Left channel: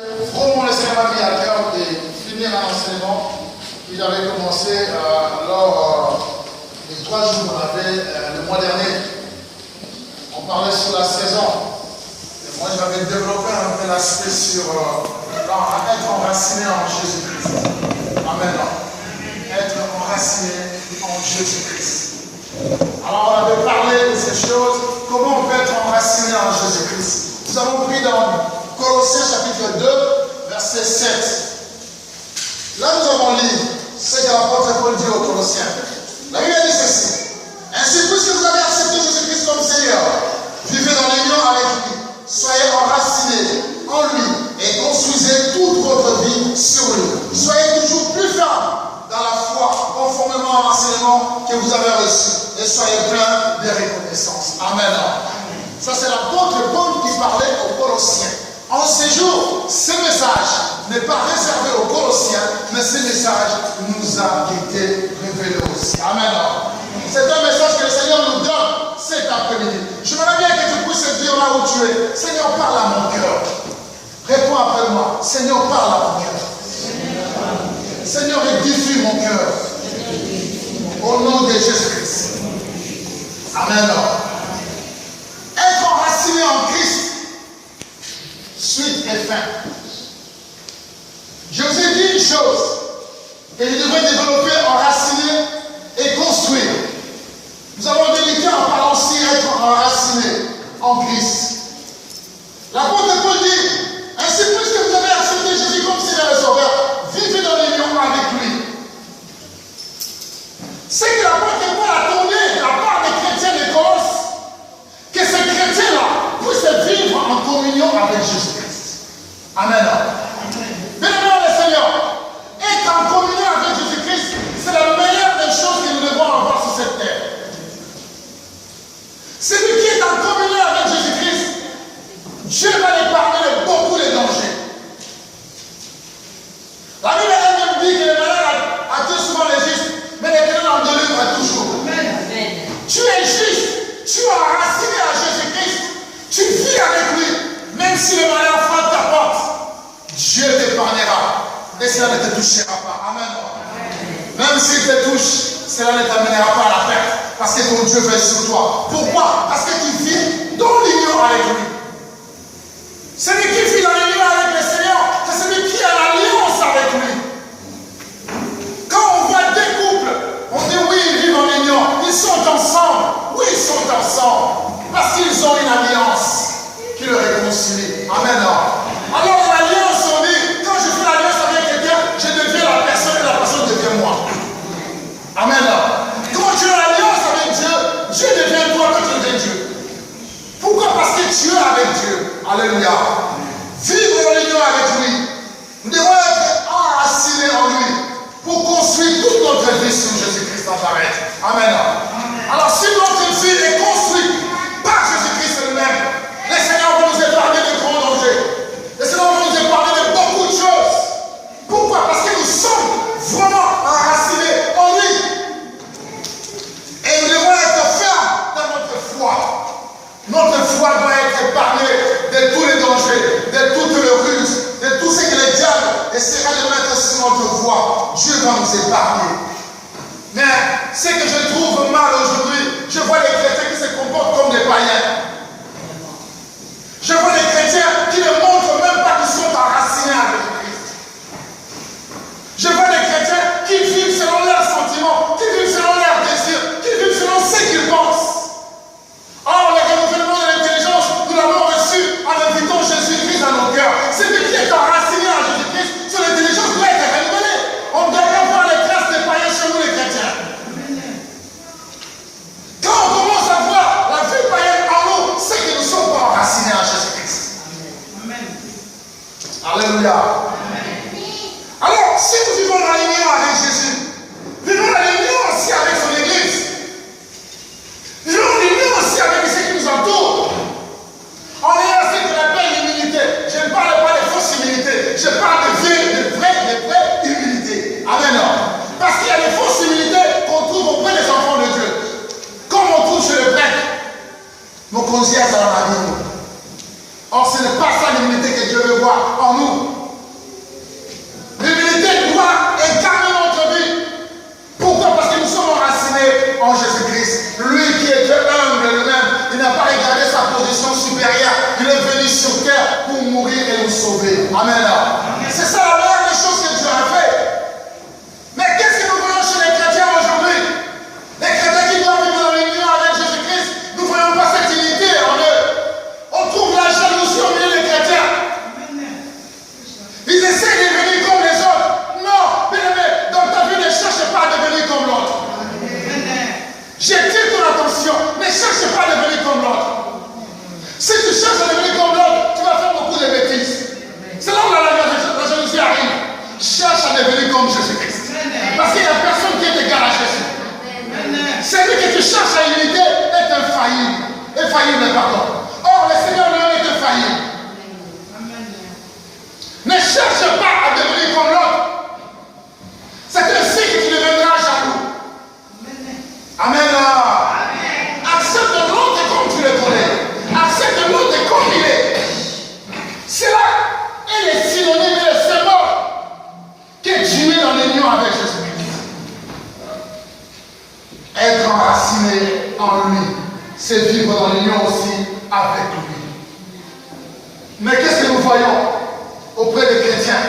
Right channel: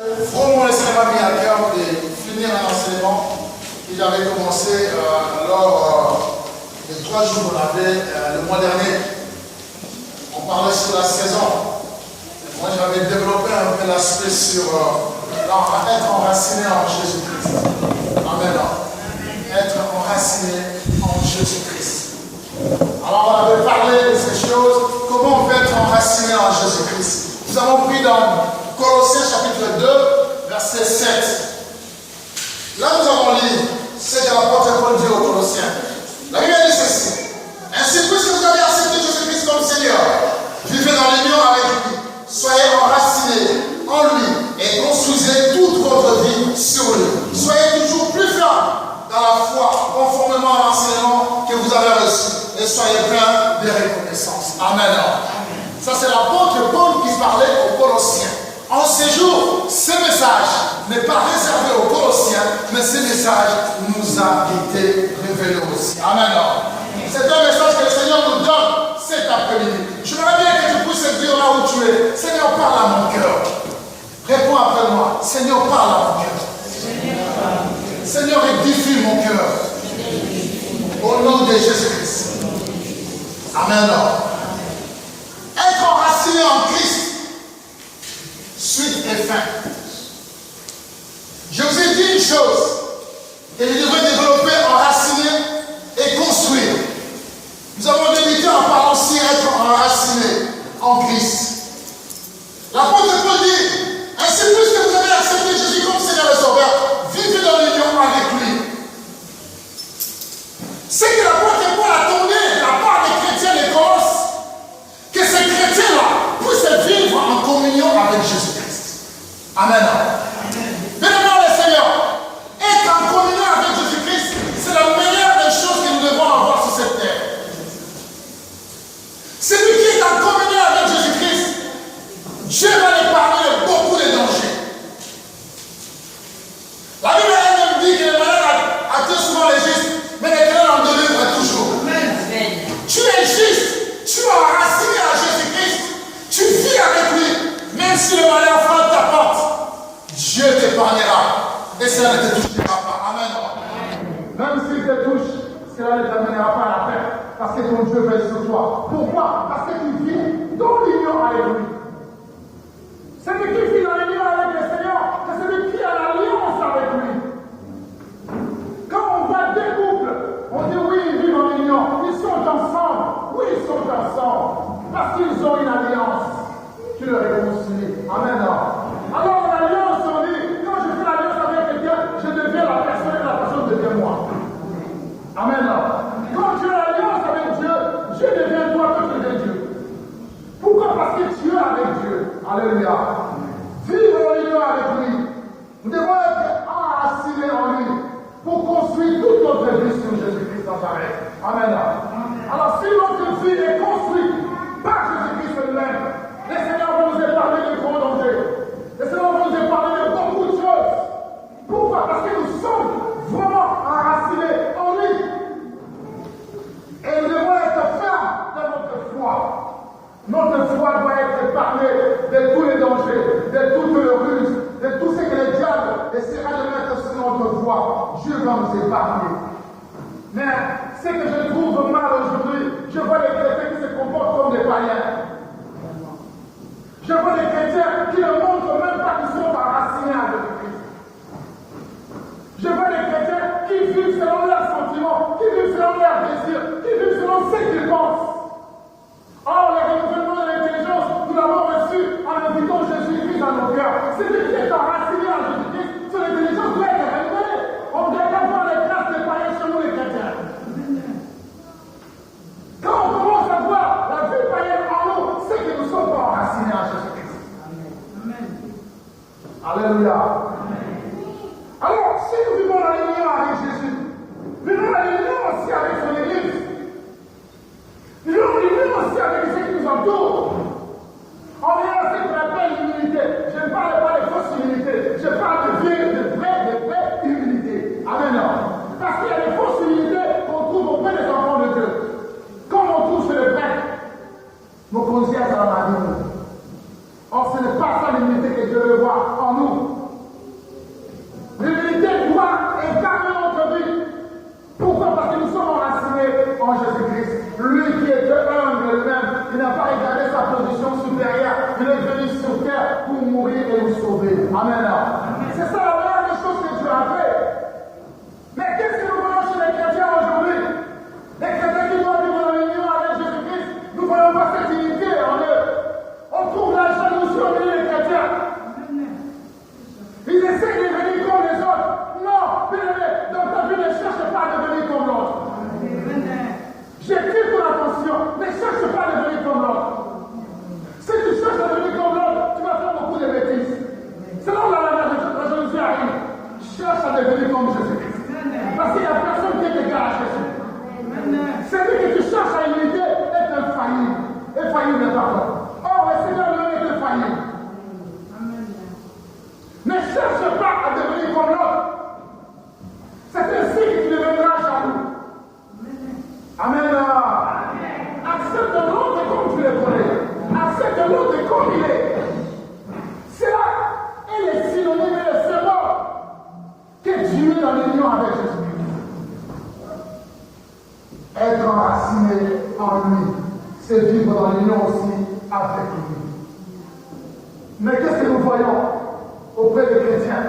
Vraiment, le Seigneur m'a mis à cœur de finir un enseignement que j'avais commencé lors des 3 jours qu'on avait le mois dernier. On parlait sur la saison. Et moi, j'avais développé un peu l'aspect sur être enraciné en Jésus-Christ. Amen. Être enraciné en Jésus-Christ. Alors, on avait parlé de ces choses. Comment on peut être enraciné en Jésus-Christ? Nous avons pris dans Colossiens chapitre 2, verset 7. Là, nous avons lu ce que l'apôtre Paul dit aux Colossiens. La Bible dit ceci. Ainsi, puisque vous avez accepté Jésus-Christ comme Seigneur, vivez dans l'union avec lui, soyez enracinés en lui et construisez toute votre vie sur lui. Soyez toujours plus fermes dans la foi, conformément à l'enseignement que vous avez reçu, et soyez pleins de reconnaissance. Amen. Ça, c'est l'apôtre Paul qui parlait aux Colossiens. En ces jours, ce message n'est pas réservé aux Colossiens, mais ce message nous a été révélé aussi. Amen. C'est un message que le Seigneur nous donne cet après-midi. J'aimerais bien que tu puisses dire là où tu es, Seigneur, parle à mon cœur. Réponds après moi, Seigneur, parle à mon cœur. Seigneur, édifie mon cœur. Au nom de Jésus-Christ. Amen. Être enraciné en Christ, suite et fin. Je vous ai dit une chose, que je devrais développer, enraciner et construire. Nous avons débuté en parlant aussi être enraciné en Christ. L'apôtre Paul dit, ainsi plus que vous avez accepté Jésus comme Seigneur et Sauveur, vivez dans l'union avec lui. C'est que l'apôtre Paul a tourné de la part des chrétiens de Colosse, que ces chrétiens-là puissent vivre en communion avec Jésus-Christ. Amen. Bien-aimés le Seigneur, être en communion avec Jésus-Christ, c'est la meilleure des choses que nous devons avoir sur cette terre. Celui qui est en communion avec Jésus-Christ, Dieu va l'épargner de beaucoup de dangers. La Bible elle-même dit que le malheur attire souvent les justes, mais l'Éternel en délivre toujours. Amen. Tu es juste, tu es enraciné à Jésus-Christ, tu vis avec lui, même si le malheur frappe ta porte, Dieu t'épargnera et cela ne te touchera pas. Amen. Même s'il te touche, cela ne t'amènera pas à la perte, parce que ton Dieu veille sur toi. Pourquoi? Parce que tu vis dans l'union avec lui. Celui qui vit dans l'union avec le Seigneur, c'est celui qui a l'alliance avec lui. Quand on voit deux couples, on dit oui, ils vivent en union, ils sont ensemble. Oui, ils sont ensemble, parce qu'ils ont une alliance qui le réconcilie. Amen. Alors l'alliance, on dit, quand je fais l'alliance avec quelqu'un, je deviens la personne et la personne devient moi. Amen. Quand tu as l'alliance avec Dieu, Dieu devient toi, toi tu deviens Dieu. Pourquoi? Parce que tu es avec Dieu. Alléluia. Vivre en union avec lui. Nous devons être enracinés en lui pour construire toute notre vie sur Jésus-Christ en Nazareth. Amen. Alors si notre vie est construite par Jésus-Christ lui-même, le Seigneur va nous épargner de grands dangers. Le Seigneur va nous épargner de beaucoup de choses. Pourquoi? Parce que nous sommes vraiment enracinés en lui. Et nous devons être fermes dans notre foi. Notre foi doit être épargnée de tous les dangers, de toutes les ruses, de tout ce que le diable essaiera de mettre sur notre voie. Dieu va nous épargner. Mais ce que je trouve mal aujourd'hui, je vois les chrétiens qui se comportent comme des païens. Je vois les chrétiens qui ne montrent même pas qu'ils sont enracinés avec Christ. Je vois les chrétiens qui vivent selon leurs sentiments, qui vivent selon leurs désirs, qui vivent selon ce qu'ils pensent. Or, le renouvellement de l'intelligence, nous l'avons reçu en invitant Jésus-Christ dans nos cœurs. Celui qui est enraciné en Jésus-Christ, son intelligence doit être renouvelée. On ne doit pas voir les traces des païens chez nous, les chrétiens. Quand on commence à voir la vie païenne en nous, c'est que nous ne sommes pas enracinés en Jésus-Christ. Amen. Alléluia. Alors, si nous vivons dans l'union avec Jésus, vivons dans l'union aussi avec son Église. Vivons dans l'union aussi avec ceux qui nous entourent. En ayant ce qu'on appelle l'humilité. Je ne parle pas de fausse humilité. Je parle de vraie humilité. Amen. Parce qu'il y a des fausses humilités qu'on trouve auprès des enfants de Dieu. Comme on trouve chez le prêtre. Nos conseillers dans la vie. Or, ce n'est pas ça l'humilité que Dieu veut veut voir en nous. L'humilité doit incarner notre vie. Pourquoi? Parce que nous sommes enracinés en Jésus-Christ. Lui qui est Dieu humble lui-même, il n'a pas regardé sa position supérieure. Il est venu sur terre pour mourir et nous sauver. Amen. C'est ça la meilleure des choses que Dieu a fait. Mais qu'est-ce que nous voyons chez les chrétiens aujourd'hui? Les chrétiens qui doivent vivre dans l'union avec Jésus-Christ, nous ne voyons pas cette unité en eux. On trouve la jalousie au milieu des chrétiens. Ils essaient de devenir comme les autres. Non, bien-aimé, dans ta vie, ne cherche pas à devenir comme l'autre. J'attire ton attention, ne cherche pas à devenir comme l'autre. Si tu cherches à devenir comme l'autre, tu vas faire beaucoup de bêtises. C'est là où la jalousie arrive. Cherche à devenir comme Jésus-Christ. Parce qu'il n'y a personne qui est égal à Jésus. Celui que tu cherches à imiter est infaillible. Infaillible, pardon. Or, le Seigneur lui-même est infaillible. Ne cherche pas à devenir comme l'autre. C'est ainsi que tu deviendras jaloux. Amen. Accepte l'autre comme tu le connais. Accepte l'autre comme il est. Cela est le synonyme et le symbole que tu es dans l'union avec Jésus-Christ. Être enraciné en lui, c'est vivre dans l'union aussi avec lui. Mais qu'est-ce que nous voyons auprès des chrétiens?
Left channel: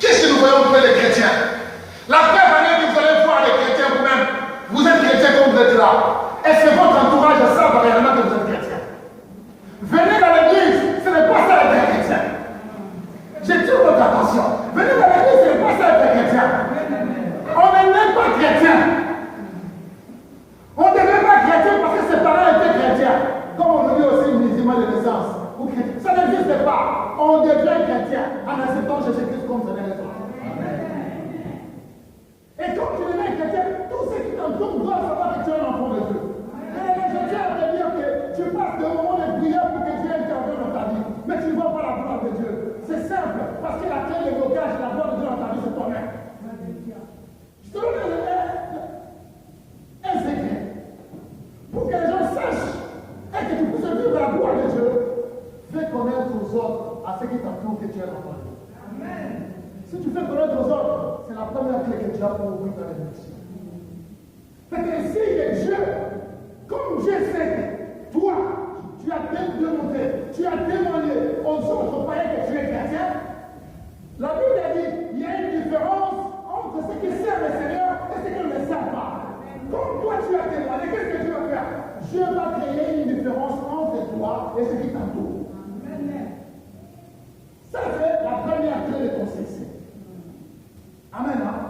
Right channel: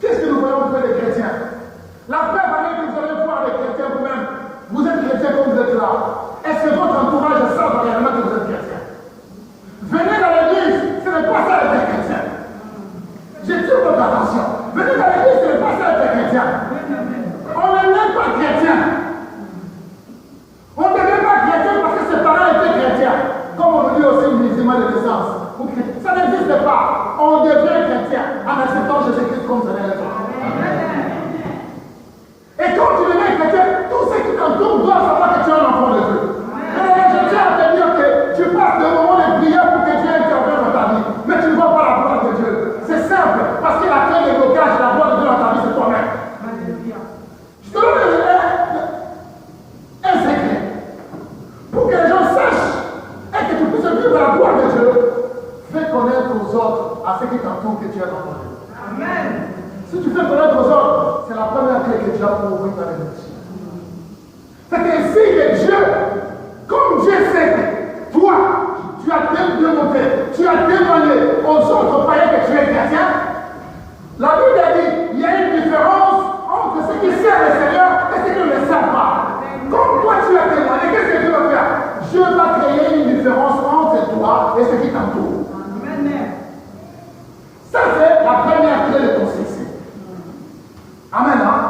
Qu'est-ce que nous voyons auprès des chrétiens? La preuve année que vous allez voir les chrétiens vous-même. Vous êtes chrétien comme vous êtes là. Est-ce que votre entourage savent réellement que vous êtes chrétien? Venez dans l'église, ce n'est pas ça être chrétien. J'attire votre attention. Venez dans l'église, ce n'est pas ça être chrétien. On n'est même pas chrétien. On ne devient pas chrétien parce que ses parents étaient chrétiens. Comme on dit aussi le musulman de naissance. Ça n'existe pas. On devient chrétien en acceptant Jésus-Christ comme son élève. Et quand tu deviens chrétien, tous ceux qui t'entourent doivent savoir que tu es un enfant de Dieu. Mais je tiens à te dire que tu passes de moments de prière pour que Dieu intervienne dans ta vie. Mais tu ne vois pas la gloire de Dieu. C'est simple, parce que la clé de blocage de la gloire de Dieu dans ta vie, c'est toi-même. Je te donne un secret. Pour que les gens sachent et que tu puisses vivre la gloire de Dieu, fais connaître aux autres, à ceux qui t'entourent, que tu es enfant de Dieu. Amen. Si tu fais connaître aux autres, c'est la première clé que tu as pour ouvrir ta vie. C'est ainsi que Dieu, comme Dieu sait que toi, tu as démontré, tu as témoigné aux autres païens que tu es chrétien, la Bible a dit il y a une différence entre ceux qui servent le Seigneur et ceux qui ne le servent pas. Comme toi tu as témoigné, qu'est-ce que Dieu va faire? Dieu va créer une différence entre toi et ceux qui t'entourent. Ça, c'est la première clé de ton succès. Amen. Hein?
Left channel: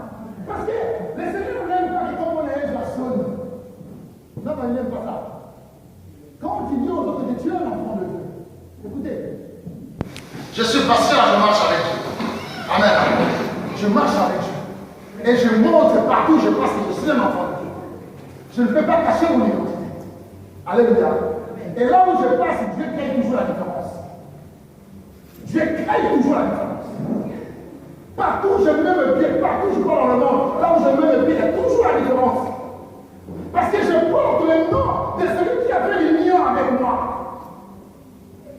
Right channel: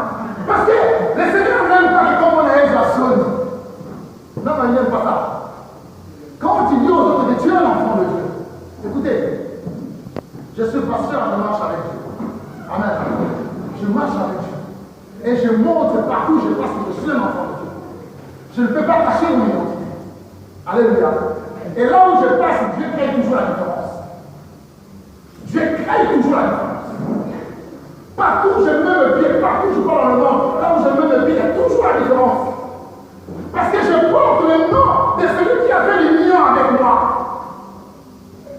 Parce que le Seigneur n'aime pas que comme on est la sonne. Non, il n'aime pas ça. Quand tu dis aux autres que tu es un enfant de Dieu, écoutez, je suis pasteur, je marche avec Dieu. Amen. Je marche avec Dieu. Et je montre partout où je passe que je suis un enfant de Dieu. Je ne peux pas cacher mon identité. Alléluia. Et là où je passe, Dieu crée toujours la différence. Dieu crée toujours la différence. Partout où je mets le pied, partout où je pars dans le monde, là où je mets le pied, il y a toujours la différence. Parce que je porte le nom de celui qui a fait l'union avec moi.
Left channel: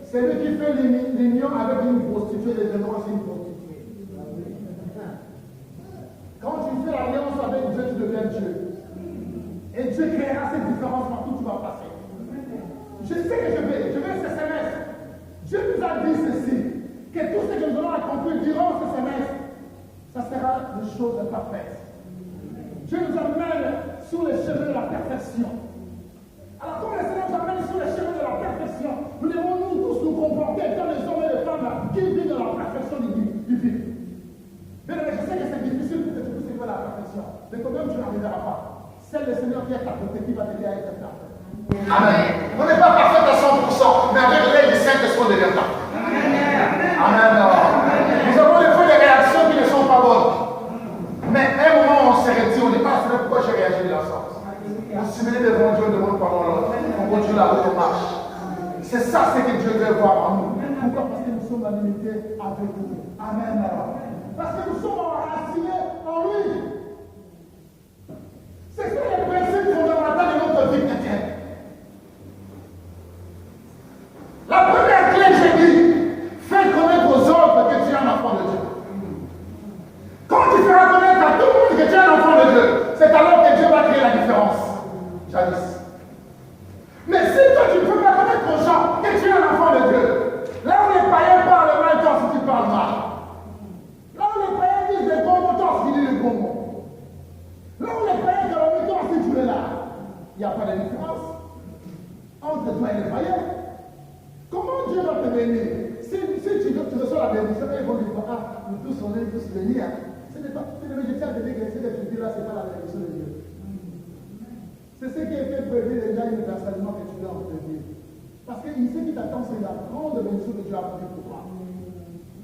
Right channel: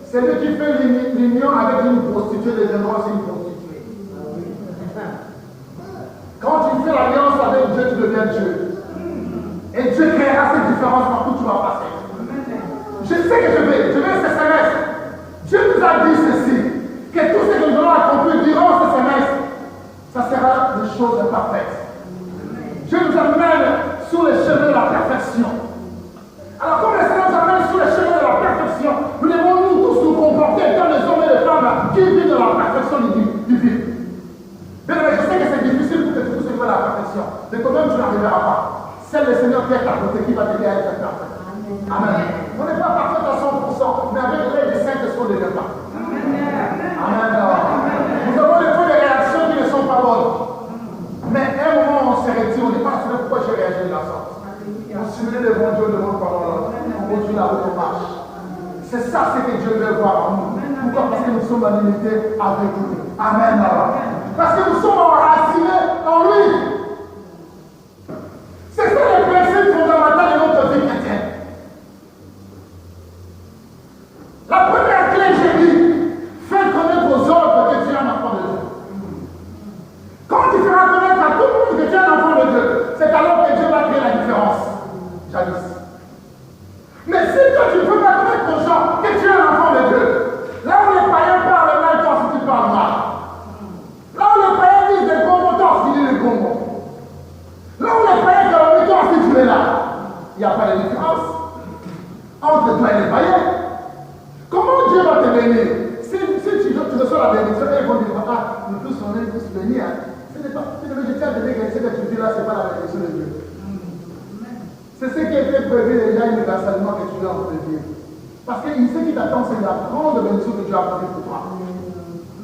Celui qui fait l'union avec une prostituée deviendra aussi une prostituée. Quand tu fais l'alliance avec Dieu, tu deviens Dieu. Et Dieu créera cette différence partout où tu vas passer. Je sais que je vais ce semestre. Dieu nous a dit ceci, que tout ce que nous allons accomplir durant ce semestre, ça sera des choses parfaites. Dieu nous amène sur le chemin de la perfection. Alors, comme le Seigneur nous amène sur le chemin de la perfection, nous devons nous tous nous comporter comme les hommes et les femmes qui vivent dans la perfection divine. Mais je sais que c'est difficile pour que tu puisses vivre la perfection. Mais quand même, tu n'arriveras pas. C'est le Seigneur qui est à côté qui va t'aider à être parfait. Amen. On n'est pas parfait à 100%, mais avec l'aide du Saint-Esprit, on devient parfait. Amen. Nous avons des fois des réactions qui ne sont pas bonnes. Mais à un moment, on se retire, on n'est pas sûr pourquoi j'ai réagi de la sorte. On s'humilie devant Dieu, devant le pardon, on continue la route, on marche. C'est ça ce que Dieu veut voir en nous. Pourquoi? Parce que nous sommes en unité avec lui. Amen. Parce que nous sommes enracinés en lui. C'est ça le principe fondamental de notre vie chrétienne. La première clé, j'ai dit, béni. Hein. Ce n'est pas, je tiens à te dire que cette étude-là, ce n'est pas la bénédiction de Dieu. C'est ce qui a été prévu déjà universellement que tu dois en vivre. Parce que ce qui t'attend, c'est la grande bénédiction que Dieu a prévue pour toi.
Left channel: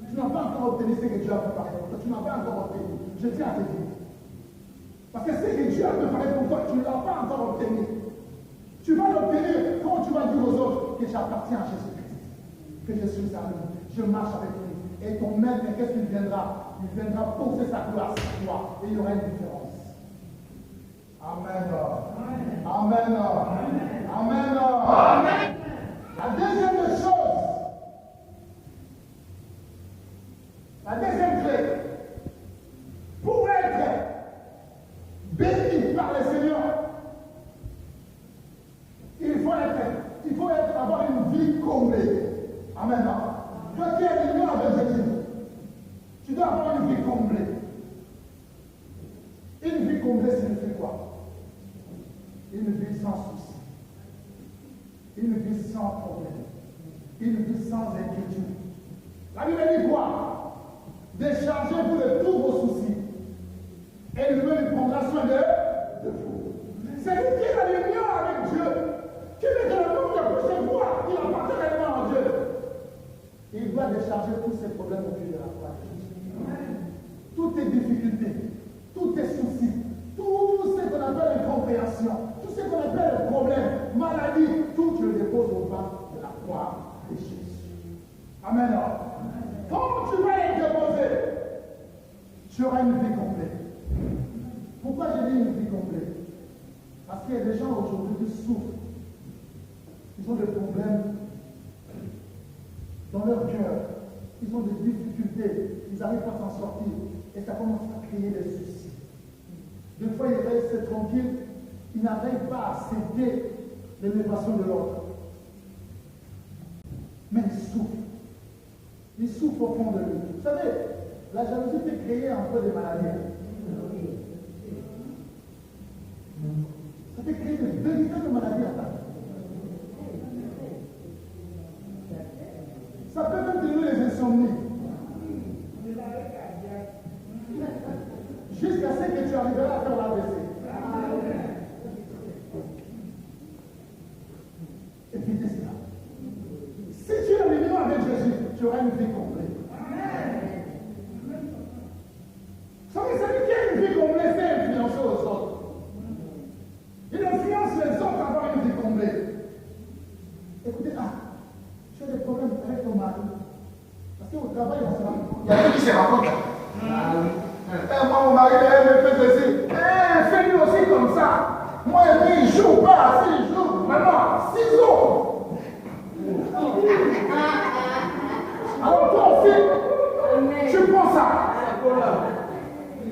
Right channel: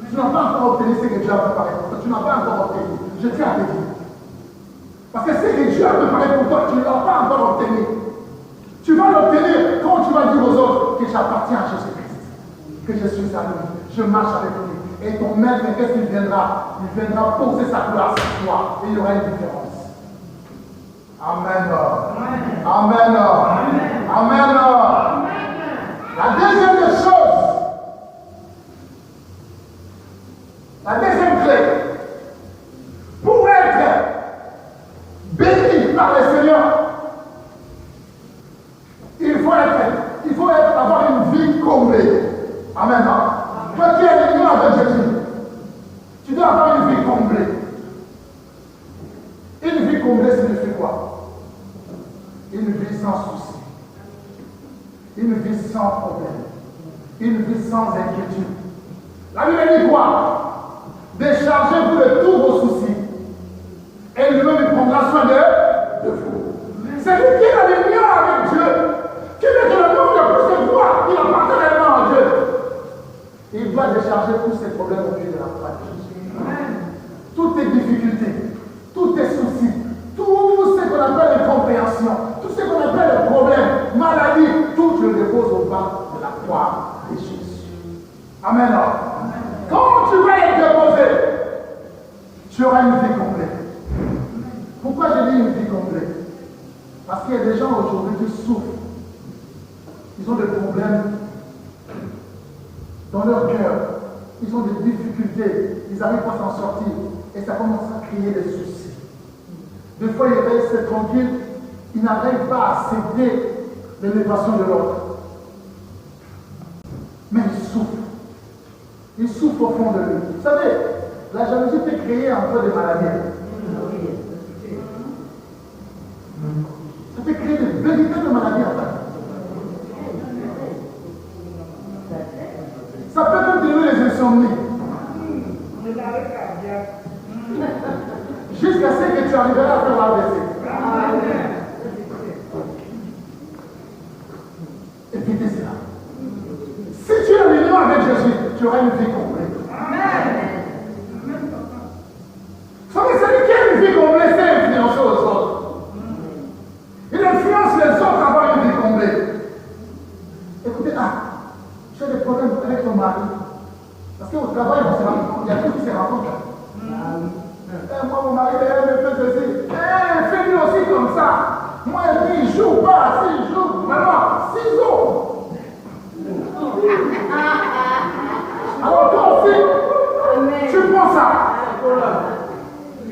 Tu n'as pas encore obtenu ce que Dieu a préparé pour toi. Tu n'as pas encore obtenu. Je tiens à te dire. Parce que ce que Dieu a préparé pour toi, tu ne l'as pas encore obtenu. Tu vas l'obtenir quand tu vas dire aux autres que j'appartiens à Jésus-Christ. Que je suis à lui. Je marche avec lui. Et ton maître, qu'est-ce qu'il viendra? Il viendra poser sa gloire sur toi. Et il y aura une différence. Amen. Amen. Amen. Amen. La deuxième des choses, la deuxième clé, pour être béni par le Seigneur, il faut avoir une vie comblée. Amen. Toi qui es union avec Jésus, tu dois avoir une vie comblée. Une vie comblée signifie quoi? Une vie sans souci. Une vie sans problème. Une vie sans inquiétude. La Bible dit quoi? Déchargez-vous de tous vos soucis. Et lui-même prendra soin de vous. C'est lui qui est dans l'union avec Dieu. Qui veut que le monde ne puisse se voir. Il appartient réellement à Dieu. Et il doit décharger tous ses problèmes au pied de la croix de Jésus. Toutes tes difficultés, tous tes soucis, tout ce qu'on appelle l'incompréhension, tout ce qu'on appelle le problème, maladie, tout tu le déposes au bas de la croix de Jésus. Amen. Quand tu vas être déposé, tu auras une vie complète. Pourquoi je dis une vie complète? Parce qu'il y a des gens aujourd'hui qui souffrent. Ils ont des problèmes dans leur cœur. Ils ont des difficultés. Ils n'arrivent pas à s'en sortir. Et ça commence à créer des soucis. Des fois, ils restent tranquilles. Ils n'arrivent pas à accepter l'élévation de l'autre. Mais ils souffrent. Ils souffrent au fond de lui. Vous savez, la jalousie peut créer un peu de maladie. Ça peut créer de véritables maladies en fait. Ça peut même donner les insomnies. Jusqu'à ce que tu arriveras à faire l'AVC. Évitez cela. Si tu es en union avec Jésus, tu auras une vie complète. Vous savez, celui qui a une vie complète, c'est influencer aux autres. Il influence les autres à avoir une vie complète. Écoutez, tu as des problèmes avec ton mari. Parce qu'au travail, il y a ceux qui se rencontrent. Moi, mon mari, il me fait ceci. Fais-lui aussi comme ça. Moi, il ne joue pas. S'il joue, maintenant, ciseaux. Alors, toi aussi, tu prends ça.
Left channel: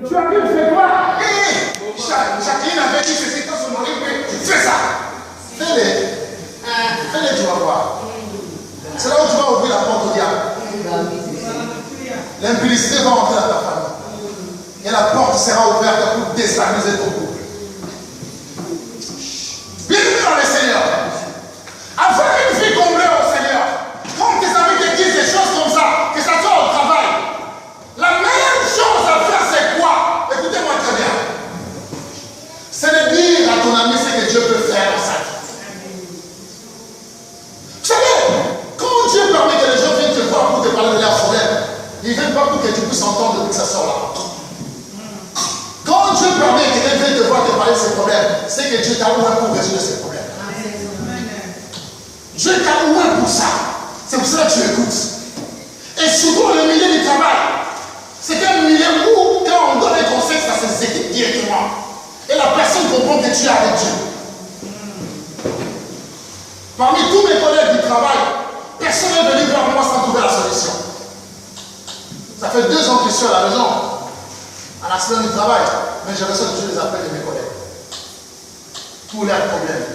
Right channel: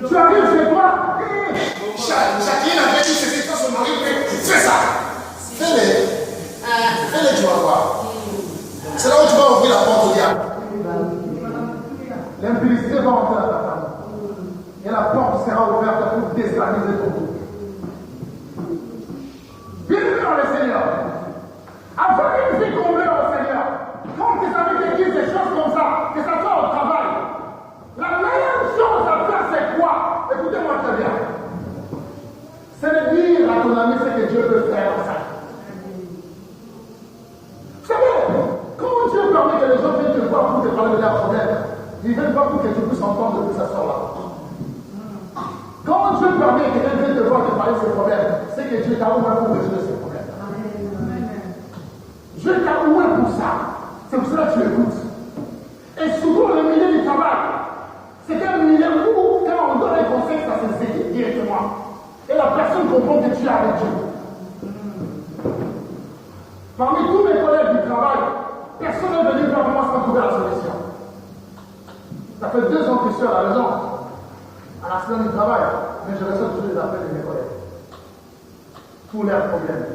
Tu arrives chez toi. Jacqueline avait dit c'est quand son mari fais ça. Fais-les, tu vas voir. C'est là où tu vas ouvrir la porte au diable. L'impudicité va entrer dans ta famille. Et la porte sera ouverte pour déstabiliser ton couple. Bienvenue dans le Seigneur. Avoir une vie comblée au Seigneur. Quand tes amis te disent des choses comme ça, que ça soit au travail, la meilleure chose à faire, c'est quoi? Écoutez-moi très bien. C'est de dire à ton ami ce que Dieu peut faire dans sa vie. Vous savez, quand Dieu permet que les gens viennent te voir pour te parler de leurs problèmes, ils ne viennent pas pour que tu puisses entendre que ça sort là. Quand Dieu permet que quelqu'un vienne te voir te parler de ses problèmes, c'est que Dieu t'a ouvert pour résoudre ses problèmes. Dieu t'a ouvert pour ça. C'est pour cela que tu écoutes. Et surtout le milieu du travail. C'est un milieu où, quand on donne un conseil, ça s'exécute directement. Et la personne comprend que tu es avec Dieu. Parmi tous mes collègues du travail, personne n'est venu voir moi sans trouver la solution. Ça fait 2 ans que je suis à la maison, à la semaine du travail, mais je reçois toujours les appels de mes collègues. Tous leurs problèmes.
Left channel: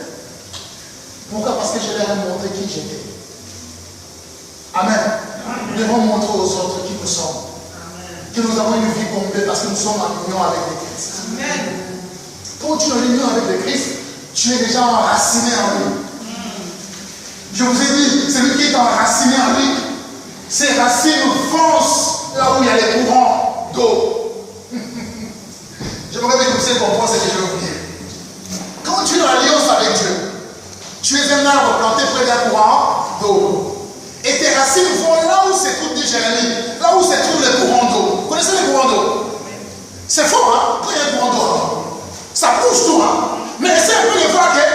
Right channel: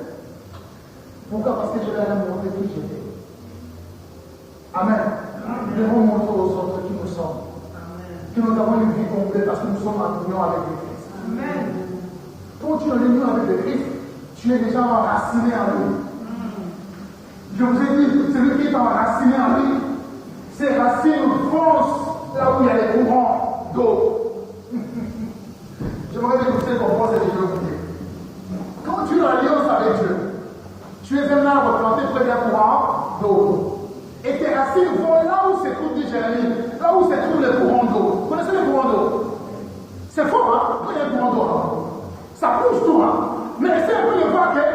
Pourquoi? Parce que je leur ai montré qui j'étais. Amen. Nous devons montrer aux autres qui nous sommes. Que nous avons une vie complète parce que nous sommes en union avec le Christ. Amen. Quand tu es en union avec le Christ, tu es déjà enraciné en lui. Je vous ai dit, celui qui est enraciné en lui, ses racines foncent là où il y a les courants d'eau. J'aimerais bien que vous compreniez ce que je veux vous dire. Quand tu es en alliance avec Dieu, tu es un arbre planté près d'un courant d'eau. Et tes racines vont là où se trouve, dit Jérémie, là où se trouve le courant d'eau. Vous connaissez les courants d'eau? C'est fort, hein? Quand il y a un courant d'eau, hein? Ça bouge tout, hein? Mais essaie un peu de voir que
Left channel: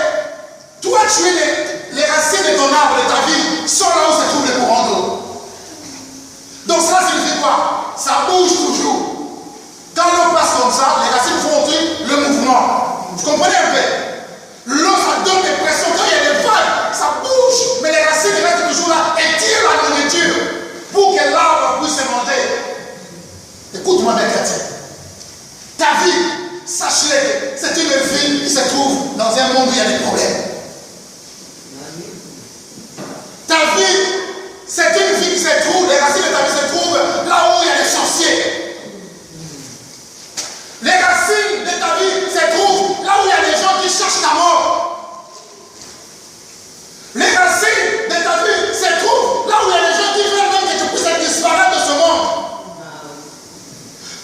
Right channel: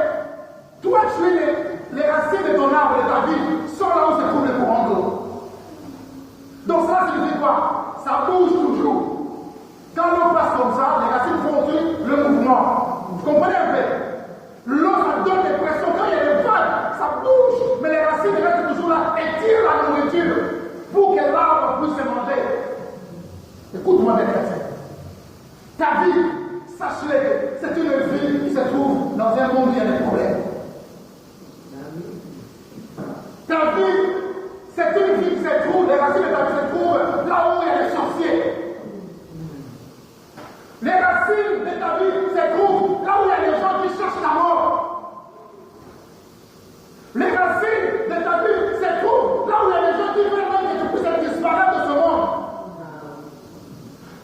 toi, tu es les racines de ton arbre, de ta vie, sont là où se trouve le courant d'eau. Donc ça signifie quoi? Ça bouge toujours. Quand l'eau passe comme ça, les racines font le mouvement. Vous comprenez un peu? L'eau, ça donne des pressions. Quand il y a des vagues, ça bouge. Mais les racines restent toujours là et tirent la nourriture pour que l'arbre puisse se monter. Écoute-moi bien, chrétien. Ta vie, sache-le que c'est une vie qui se trouve dans un monde où il y a des problèmes. Ta vie, c'est une vie qui se trouve, les racines de ta vie se trouvent là où il y a des sorciers. Les racines de ta vie se trouvent là où il y a des gens qui cherchent ta mort. Les racines de ta vie se trouvent là où il y a des gens qui veulent même que tu puisses disparaître de ce monde.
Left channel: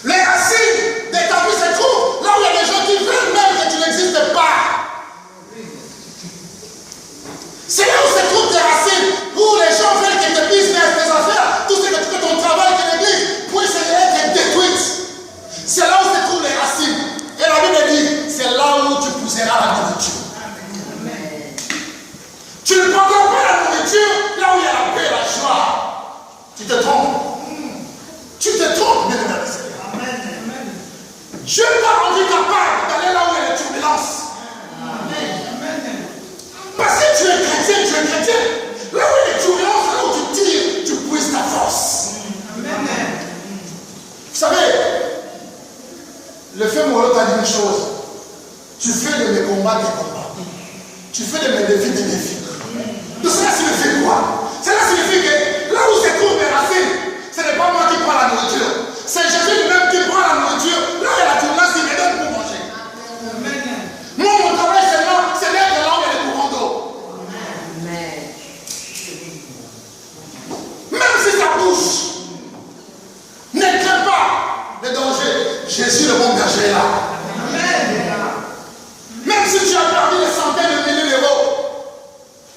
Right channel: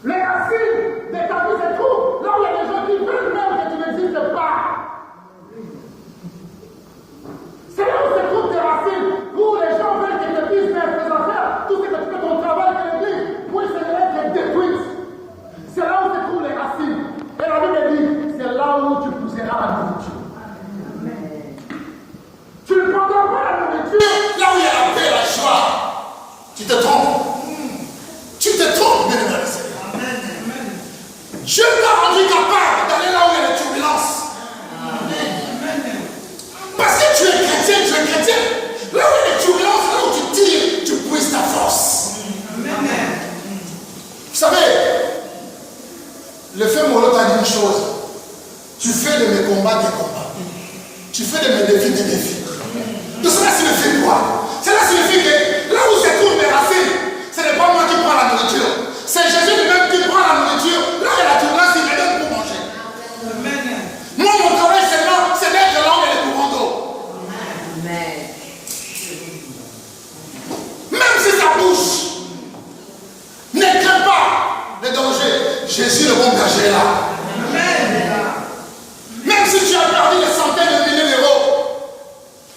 Les racines de ta vie se trouvent là où il y a des gens qui veulent même que tu n'existes pas. C'est là où se trouvent tes racines, où les gens veulent que tes business, tes affaires, tout ce que tu fais, ton travail, que l'église puisse être détruite. C'est là où se trouvent les racines. Et la Bible dit, c'est là où tu pousseras la nourriture. Amen. Tu ne prendras pas la nourriture là où il y a la paix, la joie. Tu te trompes. Tu te trompes, bien aimé Seigneur. Amen. Dieu t'a rendu capable d'aller là où il y a les turbulences. Amen. Parce que tu es chrétien. Là où il y a les turbulences, là où tu tires, tu puisses ta force. Amen. Vous savez, le fait Molo t'a dit une chose. Tu fais de mes combats des combats. Tu fais de mes défis des défis. Donc cela signifie quoi? Cela signifie que là où se trouvent mes racines, ce n'est pas moi qui prends la nourriture. C'est Jésus lui-même qui prend la nourriture. Là où il y a la turbulence, il me donne pour manger. Moi, mon travail seulement, c'est d'être là où il y a les courants d'eau. Même si ça bouge, ne crains pas le danger. Jésus, le bon berger, est là. Même si tu as perdu des centaines de milliers d'euros,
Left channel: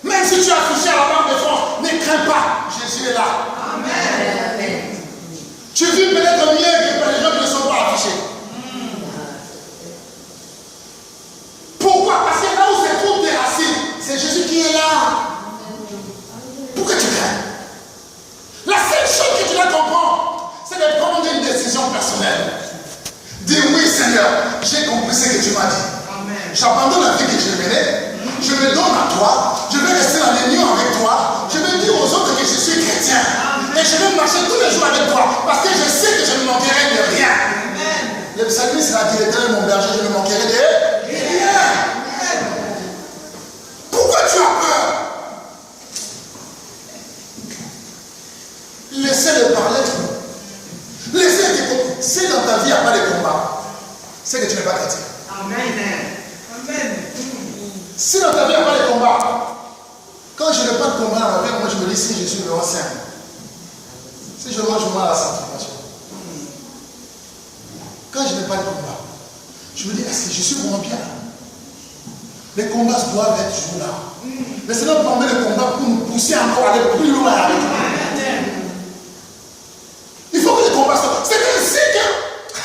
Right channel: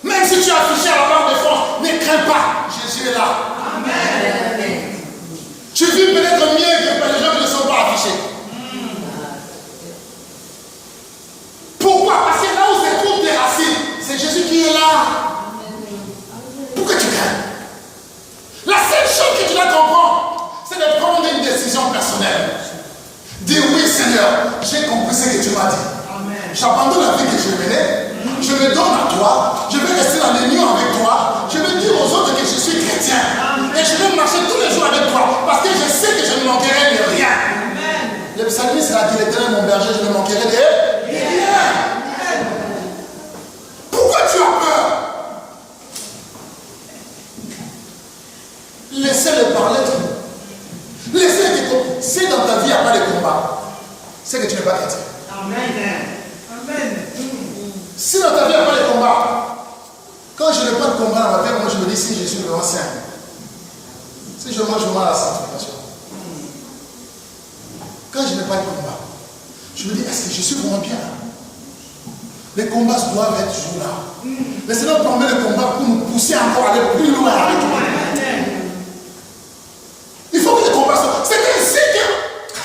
même si tu as touché à la Banque de France, ne crains pas. Jésus est là. Amen. Tu vis peut-être mieux que les gens qui ne sont pas affichés. Pourquoi? Parce que là où se trouvent tes racines, c'est Jésus qui est là. Pourquoi tu crains? La seule chose que tu dois comprendre, c'est de prendre une décision personnelle. Dis oui Seigneur, j'ai compris ce que tu m'as dit. J'abandonne la vie que je menais, je me donne à toi, je vais rester dans l'union avec toi, je vais dire aux autres que je suis chrétien. Et je vais marcher tous les jours avec toi, parce que je sais que je ne manquerai de rien. Le psalmiste a dit, l'Éternel mon berger, je ne manquerai de rien. Pourquoi tu as peur? Laissez-le parler. Laissez-le dire, si dans ta vie il n'y a pas de combat, c'est que tu n'es pas chrétien. Amen. Si dans ta vie il n'y a pas de combat, quand je n'ai pas de combat dans ma vie, moi je me dis si je suis vraiment sain. Si je mange mal à la sanctification. Quand je n'ai pas de combat, je me dis est-ce que je suis vraiment bien? Les combats doivent être toujours là. Mais c'est notre permet le combat pour nous pousser encore à aller plus loin avec lui. Il faut que les combats soient. C'est ainsi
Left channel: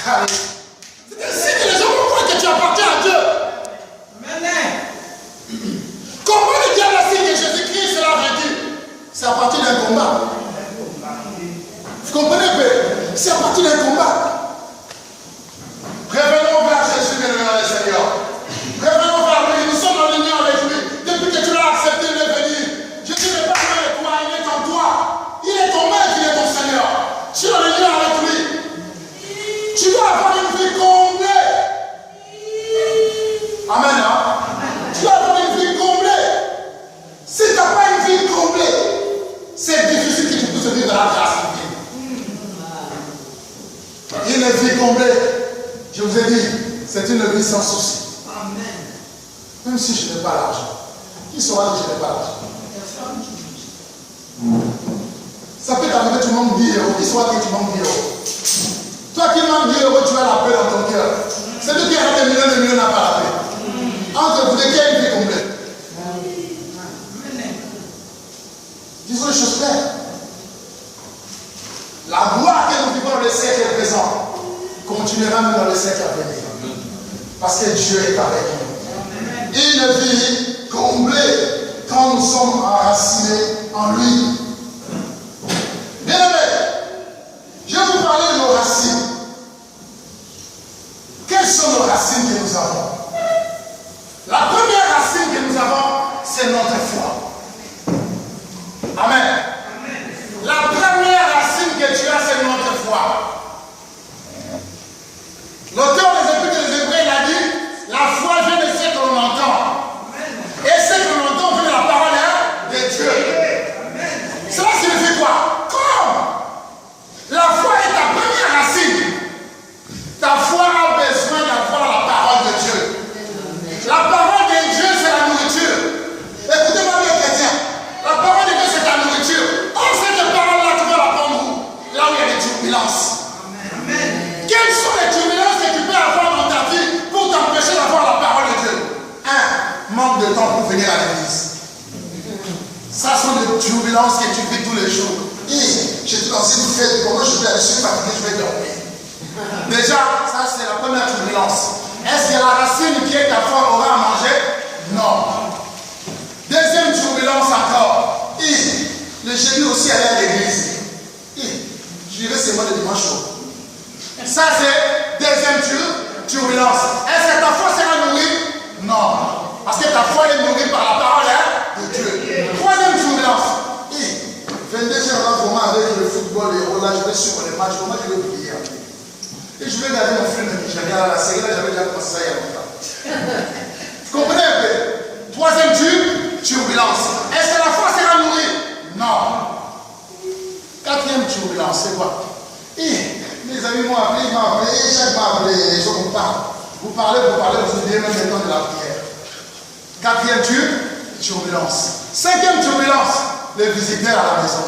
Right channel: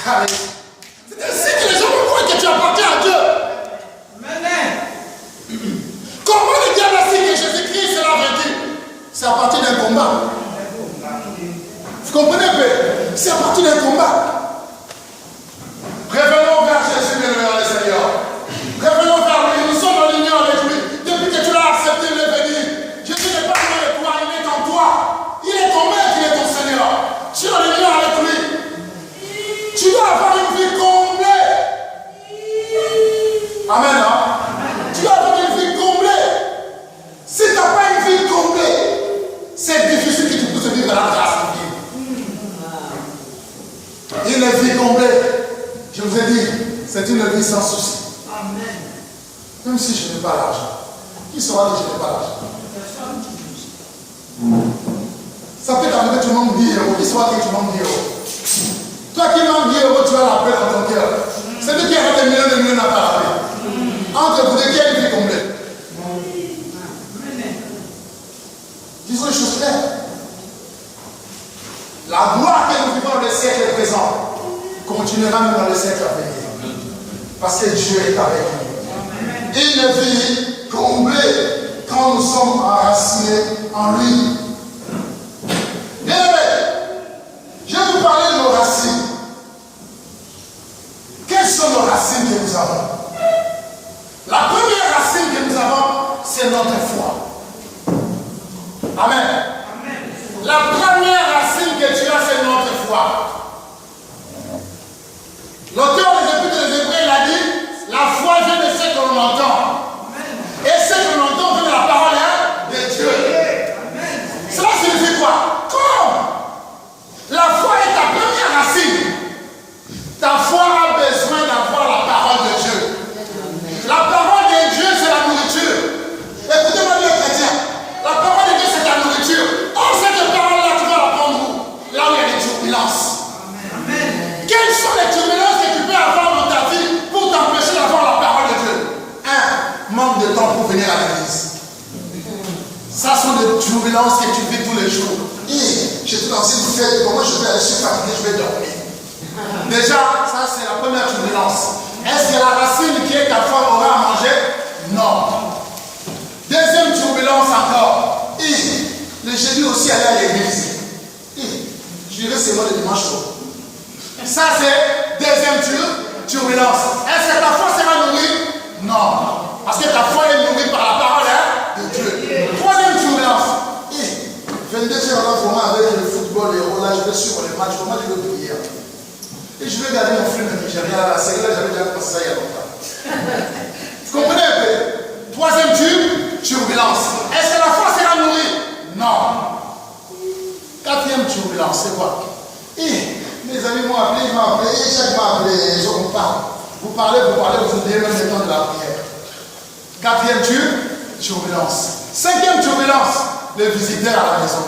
que les gens vont voir que tu appartiens à Dieu. Comment le diable a dit que Jésus-Christ sera vaincu? C'est à partir d'un combat. Vous comprenez un peu? C'est à partir d'un combat. Revenons vers Jésus, le Seigneur. Revenons vers lui. Nous sommes en union avec lui. Depuis que tu l'as accepté, il est venu. Jésus n'est pas loin de toi, il est en toi. Il est ton maître, il est ton Seigneur. Tu es en union avec lui. Tu dois avoir une vie complète. Amen. Hein? Tu dois avoir une vie complète. Si tu n'as pas une vie complète, c'est difficile que tu puisses vivre dans la grâce divine. Une vie complète, je vous ai dit, c'est une vie sans souci. Amen. Même si je n'ai pas l'argent, qui saura que je n'ai pas l'argent? Ça peut t'arriver, tu manques 10 euros. Qui saura que tu manques 10 euros? Toi qui manques La gloire que nous vivons dans le siècle présent continuera même dans le siècle à venir. Parce que Dieu est avec nous. Une vie comblée quand nous sommes enracinés en lui. Bien aimé, je vais vous parler de nos racines. Quelles sont nos racines que nous avons? La première racine que nous avons, c'est notre foi. Amen. La première racine que tu as, c'est notre foi. L'auteur des Épîtres des Hébreux l'a dit, la foi vient de ce que l'on entend. Et ce que l'on entend vient de la parole de Dieu. Cela signifie quoi? Comme la foi est ta première racine, ta foi a besoin d'avoir la parole de Dieu. La parole de Dieu, c'est la nourriture. Écoutez-moi bien, chrétien. La parole de Dieu, c'est ta nourriture. Or, cette parole-là, tu vas la prendre où? Là où il y a des turbulences. Quelles sont les turbulences que tu peux avoir dans ta vie pour t'empêcher d'avoir la parole de Dieu? Un, manque de temps pour venir à l'église. Ça sont des turbulences que tu vis tous les jours. Je suis dans une fête, comment je vais aller, je suis fatigué, je vais dormir. Déjà, ça c'est la première turbulence. Est-ce que la racine qui est ta foi aura à manger? Non. Deuxième turbulence encore. Le jeudi aussi aller à l'église. Je dirais c'est moi le dimanche chaud. Ça c'est deuxième turbulence. Est-ce que ta foi sera nourrie? Non. Parce que ta foi est nourrie par la parole de Dieu. Troisième turbulence. 22e vraiment avec le football et là je vais suivre les matchs. Comment je vais prier? Et je vais regarder mon film nigérien à la série, là j'avais déjà commencé ça il y a longtemps. Vous comprenez un peu? Troisième turbulence. Est-ce que la foi sera nourrie? Non. Quatrième turbulence, c'est quoi? Mes amis m'ont appelé, chaque m'a appelé, je vous parle. Vous parlez, vous oubliez même le temps de la prière. Quatrième turbulence. Cinquième turbulence, les visiteurs à la maison.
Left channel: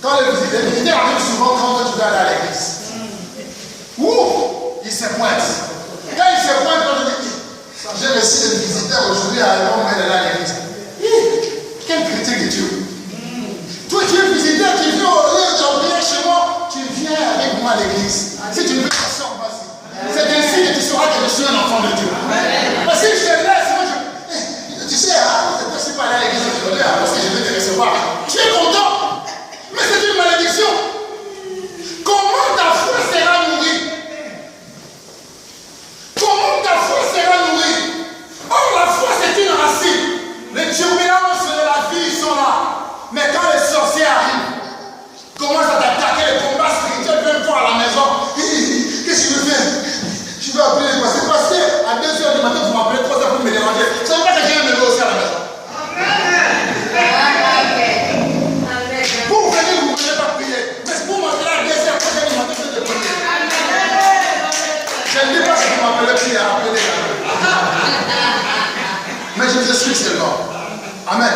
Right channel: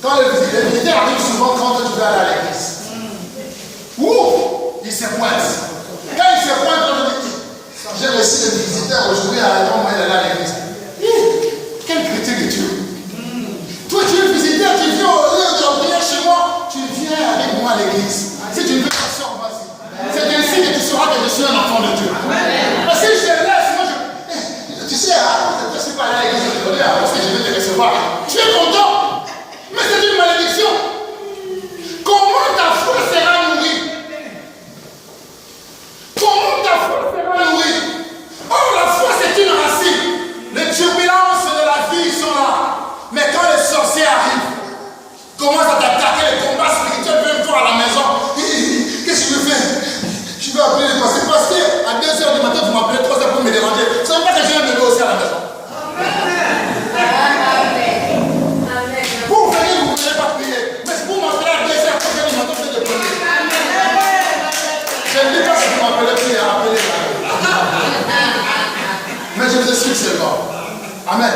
Quand les visiteurs arrivent souvent quand tu vas aller à l'église. Ouh, il se pointe. Quand il se pointe, j'ai reçu des visiteurs aujourd'hui à l'époque où il allait à l'église. Quel critique es-tu? Toi, tu es visiteur, tu viens au lieu de prier chez moi, tu viens avec moi à l'église. Si tu ne veux pas sortir, vas-y. C'est ainsi que tu sauras que je suis un enfant de Dieu. Parce que si je te laisse, moi tu sais, je ne suis pas allé à l'église aujourd'hui parce que je vais te recevoir. Tu es content, mais c'est une malédiction. Comment ta foi sera nourrie? Comment ta foi sera nourrie? Or, la foi, c'est une racine. Les turbulences de la vie sont là. Mais quand les sorciers arrivent, commencent à t'attaquer, les combats spirituels viennent voir à la maison. Qu'est-ce que je fais? Je vais appeler les pasteurs. Pasteur, à 2h du matin, vous m'appelez 3h pour me déranger. Ce n'est pas que j'ai un bébé aussi à la maison. Pour venir, vous ne pouvez pas prier. Mais pour m'appeler à 2h, 3h du matin, vous êtes prier. Je ne dis pas que vous m'appelez prier à appeler. Mais je vous explique seulement. Amen.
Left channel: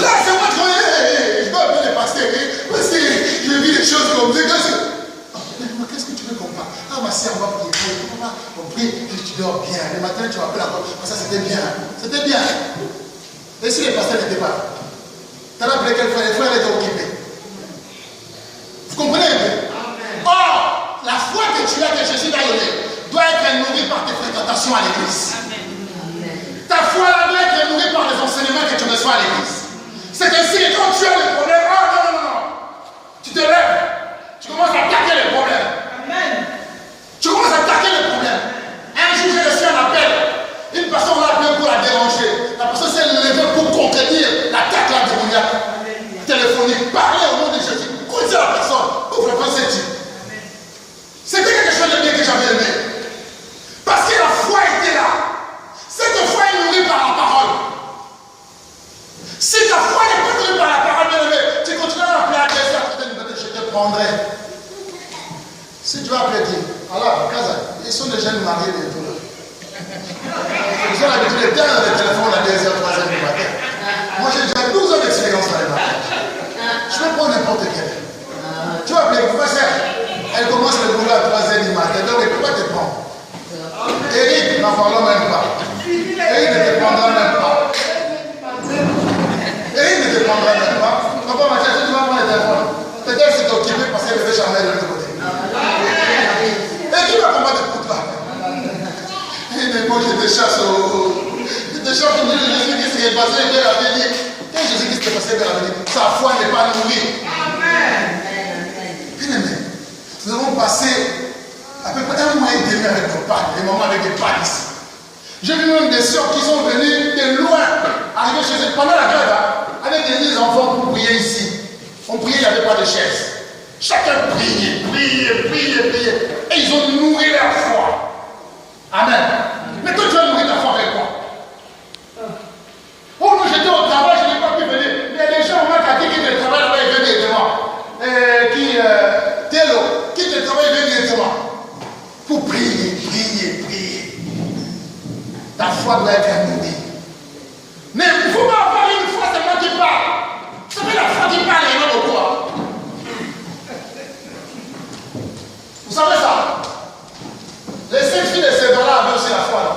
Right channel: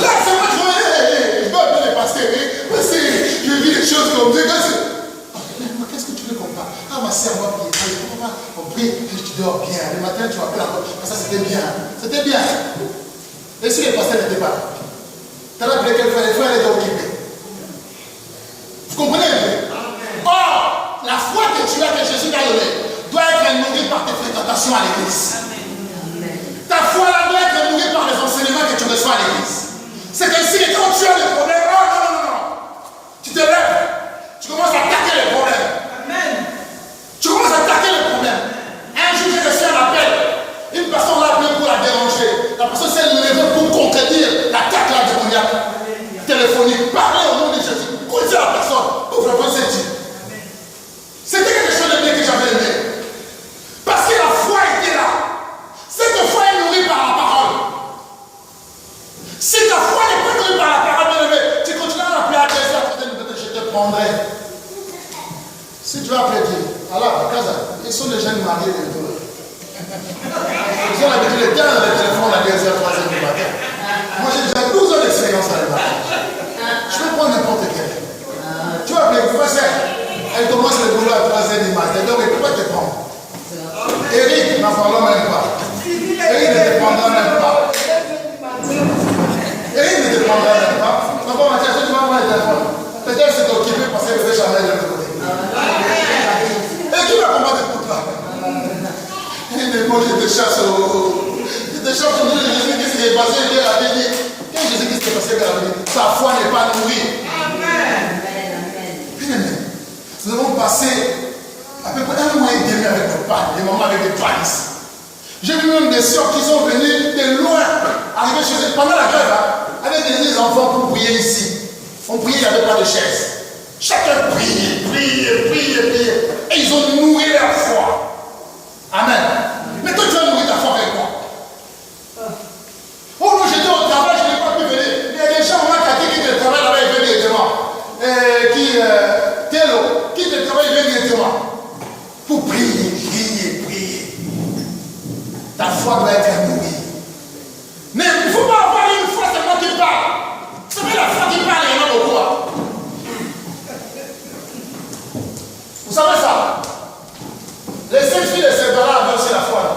Là, c'est moi qui je vais appeler les pasteurs. Parce que je vis des choses comme Dieu. Qu'est-ce que tu veux qu'on parle? Ah, ma soeur, on va prier. On prie, tu dors bien. Le matin, tu m'appelles encore. Ça, c'était bien. C'était bien. Et si les pasteurs n'étaient pas? Tu as appelé quel frère? Les frères étaient occupés. Vous comprenez un peu? Or, la foi que tu as, que Jésus t'a donnée, doit être nourrie par tes fréquentations à l'église. Ta foi là doit être nourrie par les enseignements que tu reçois à l'église. C'est ainsi que quand tu as des problèmes, non. Tu te lèves, tu commences à attaquer les problèmes. Amen. Tu commences à attaquer les problèmes. Un jour, j'ai reçu un appel. Une personne l'a appelé pour la déranger. La personne s'est levée pour contredire l'attaque là démoniaque. Téléphonique. Parler au nom de Jésus. Contredire la personne. Ouvre la porte, c'est Dieu. C'était quelque chose de bien que j'avais aimé. Parce que la foi était là. Cette foi est nourrie par la parole. Si ta foi n'est pas nourrie par la parole, tu continueras à appeler à Dieu, je te prendrai. Si tu vas appeler Dieu, alors, ils sont des jeunes mariés de tout. Ils ont l'habitude de tenir dans les téléphones à 2h, 3h du matin. Moi, j'ai déjà 12 ans d'expérience dans les matins. Je vais prendre n'importe quel. Tu vas appeler, elle commence le boulot à 3h du matin, donc elle ne peut pas te prendre. Eric, n'en parlons même pas. Eric ne te prendra même pas. Eric ne te prendra même pas. Papa, Mathieu, tu vas prendre le téléphone. Peut-être c'est ok. je te chasse au nom de Jésus-Christ qui est passé vers l'avenir. Quand Jésus-Christ est passé vers l'avenir, sa foi n'est pas nourrie. Amen. Bien aimé, nous avons passé à peu près 1 mois et demi avec nos pannes, des moments avec des pannes ici. J'ai vu même des soeurs qui sont venues de loin, arriver chez eux pendant la grève, avec des enfants pour prier ici. On priait, il n'y avait pas de chaise. Chacun priait. Et ils ont nourri leur foi. Amen. Mais toi, tu vas nourrir ta foi avec quoi? Oh non, j'étais au travail, je n'ai pas pu venir. Il y a des gens au moins qui te travaillent là-bas, ils viennent directement. Qui te travaille, ils viennent directement. Pour prier. Ta foi doit être nourrie. Mais il ne faut pas avoir une foi seulement qui parle. C'est pas la foi qui parle, il y en a beaucoup. Vous savez ça? Les 5 filles de Sédora avaient aussi la foi, non?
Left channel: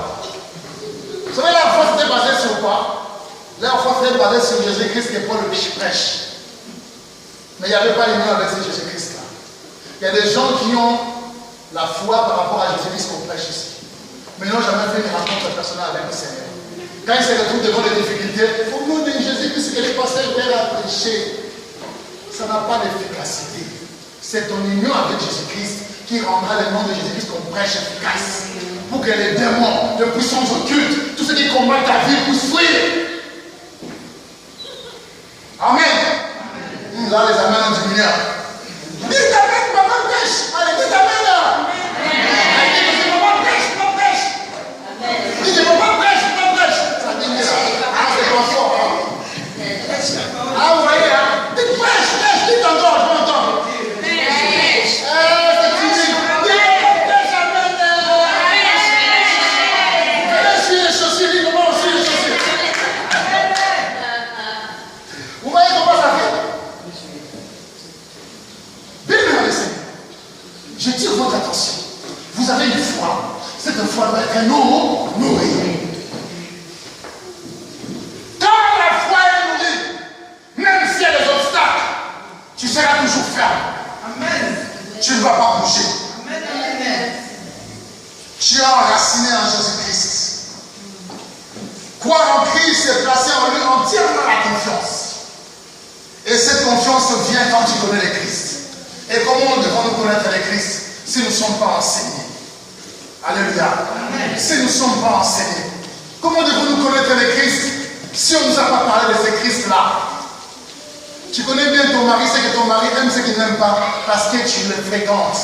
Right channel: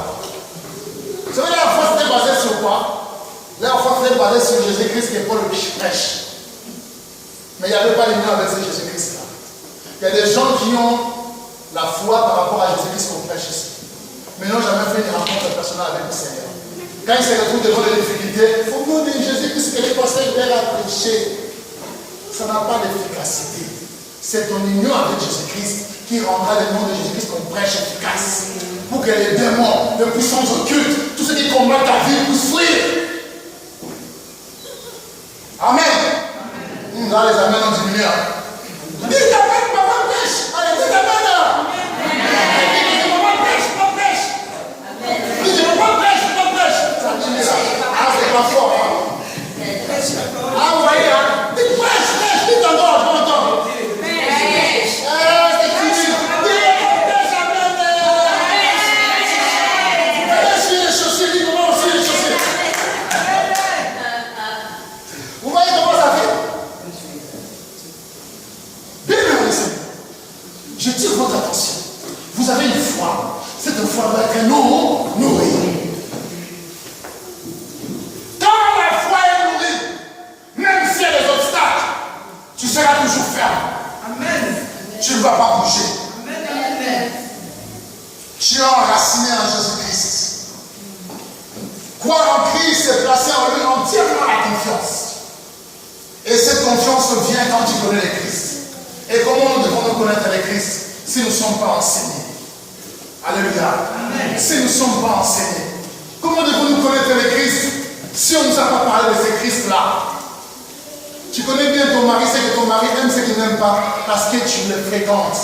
Vous savez, la foi c'était basée sur quoi? La foi c'était basée sur Jésus-Christ que Paul prêche. Mais il n'y avait pas l'union avec ce Jésus-Christ-là. Il y a des gens qui ont la foi par rapport à Jésus-Christ qu'on prêche ici. Mais ils n'ont jamais fait une rencontre personnelle avec le Seigneur. Quand ils se retrouvent devant les difficultés, au nom de Jésus-Christ que les pasteurs viennent à prêcher, ça n'a pas d'efficacité. C'est ton union avec Jésus-Christ qui rendra le nom de Jésus-Christ qu'on prêche efficace. Pour que les démons, les puissances occultes, tous ceux qui combattent ta vie puissent fuir. Amen. Là, les amens ont diminué. Dites amen, maman prêche. Allez, dites amen là. Dites maman prêche, maman prêche. Dites maman prêche, maman prêche. Ça diminue là. Ah, c'est pas fort. Ah, vous voyez, hein. Dites prêche, dites encore, je m'entends. J'attire votre attention. Vous avez une foi. Cette foi doit être nourrie. Quand la foi est nourrie, même s'il y a des obstacles, tu seras toujours ferme. Amen. Tu ne vas pas bouger. Amen. Tu es enraciné en Jésus-Christ. Croire en Christ, c'est placer en lui entièrement la confiance. Et cette confiance vient quand tu connais le Christ. Et comment devons-nous connaître le Christ si nous ne sommes pas enseignés? Alléluia. Amen. Si nous ne sommes pas enseignés. Comment devons-nous connaître le Christ si on ne nous a pas parlé de ce Christ-là? Tu connais bien ton mari, c'est que ton mari aime ce qu'il n'aime pas parce que tu le fréquentes,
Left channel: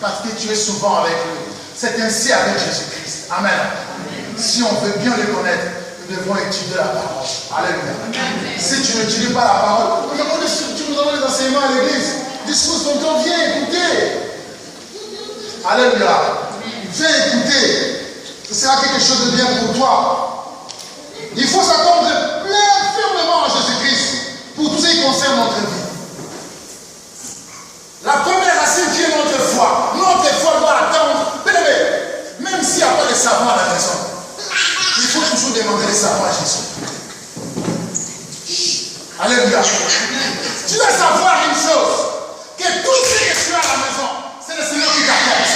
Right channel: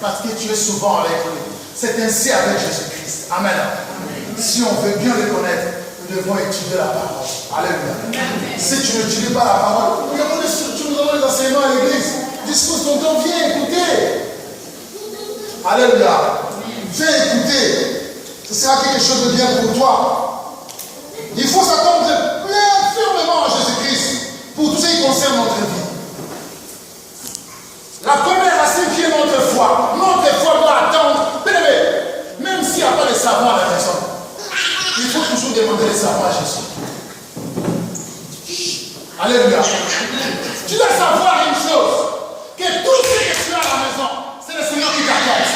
parce que tu es souvent avec lui. C'est ainsi avec Jésus-Christ. Amen. Amen. Si on veut bien le connaître, nous devons étudier la parole. Alléluia. Amen. Si tu n'étudies pas la parole, nous avons des structures, nous avons des enseignements à l'église. Discours dont on vient écouter. Alléluia. Viens écouter. Ce sera quelque chose de bien pour toi. Il faut s'attendre plein fermement à Jésus-Christ pour tout ce qui concerne notre vie. La première racine qui est notre foi. Notre foi doit attendre. Même s'il n'y a pas de savon à la maison, il faut toujours demander le savon à Jésus. Alléluia. Tu dois savoir une chose. Que tout ce que tu as à la maison, c'est le Seigneur qui t'apporte.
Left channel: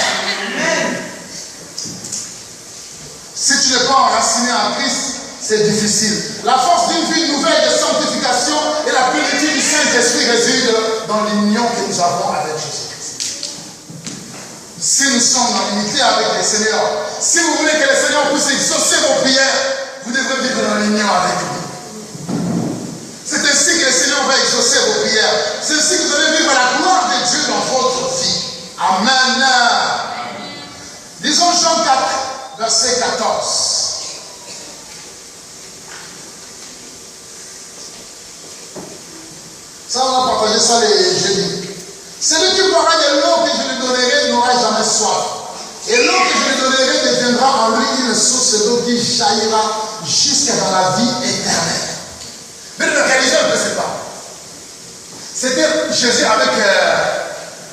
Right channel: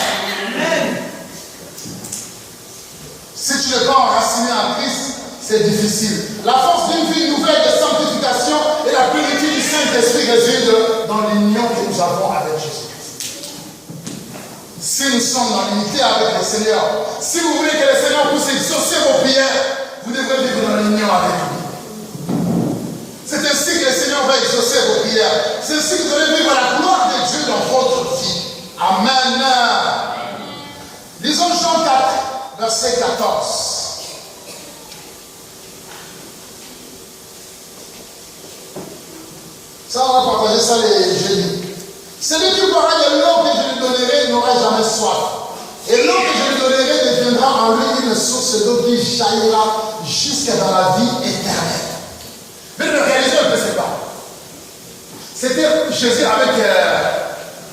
Si tu n'es pas enraciné en Christ, c'est difficile. La force d'une vie nouvelle de sanctification et la plénitude du Saint-Esprit réside dans l'union que nous avons avec Jésus-Christ. Si nous sommes dans l'unité avec le Seigneur, si vous voulez que le Seigneur puisse exaucer vos prières, vous devrez vivre dans l'union avec lui. C'est ainsi que le Seigneur va exaucer vos prières. C'est ainsi que vous allez vivre la gloire de Dieu dans votre vie. Amen. Disons Jean 4, verset 14. Ça, on va partager ça les jeudis. Celui qui boira de l'eau que je lui donnerai n'aura jamais soif. Et l'eau que je lui donnerai deviendra en lui une source d'eau qui jaillira jusqu'à dans la vie éternelle. Mais le réaliser un peu, c'est pas. C'était Jésus avec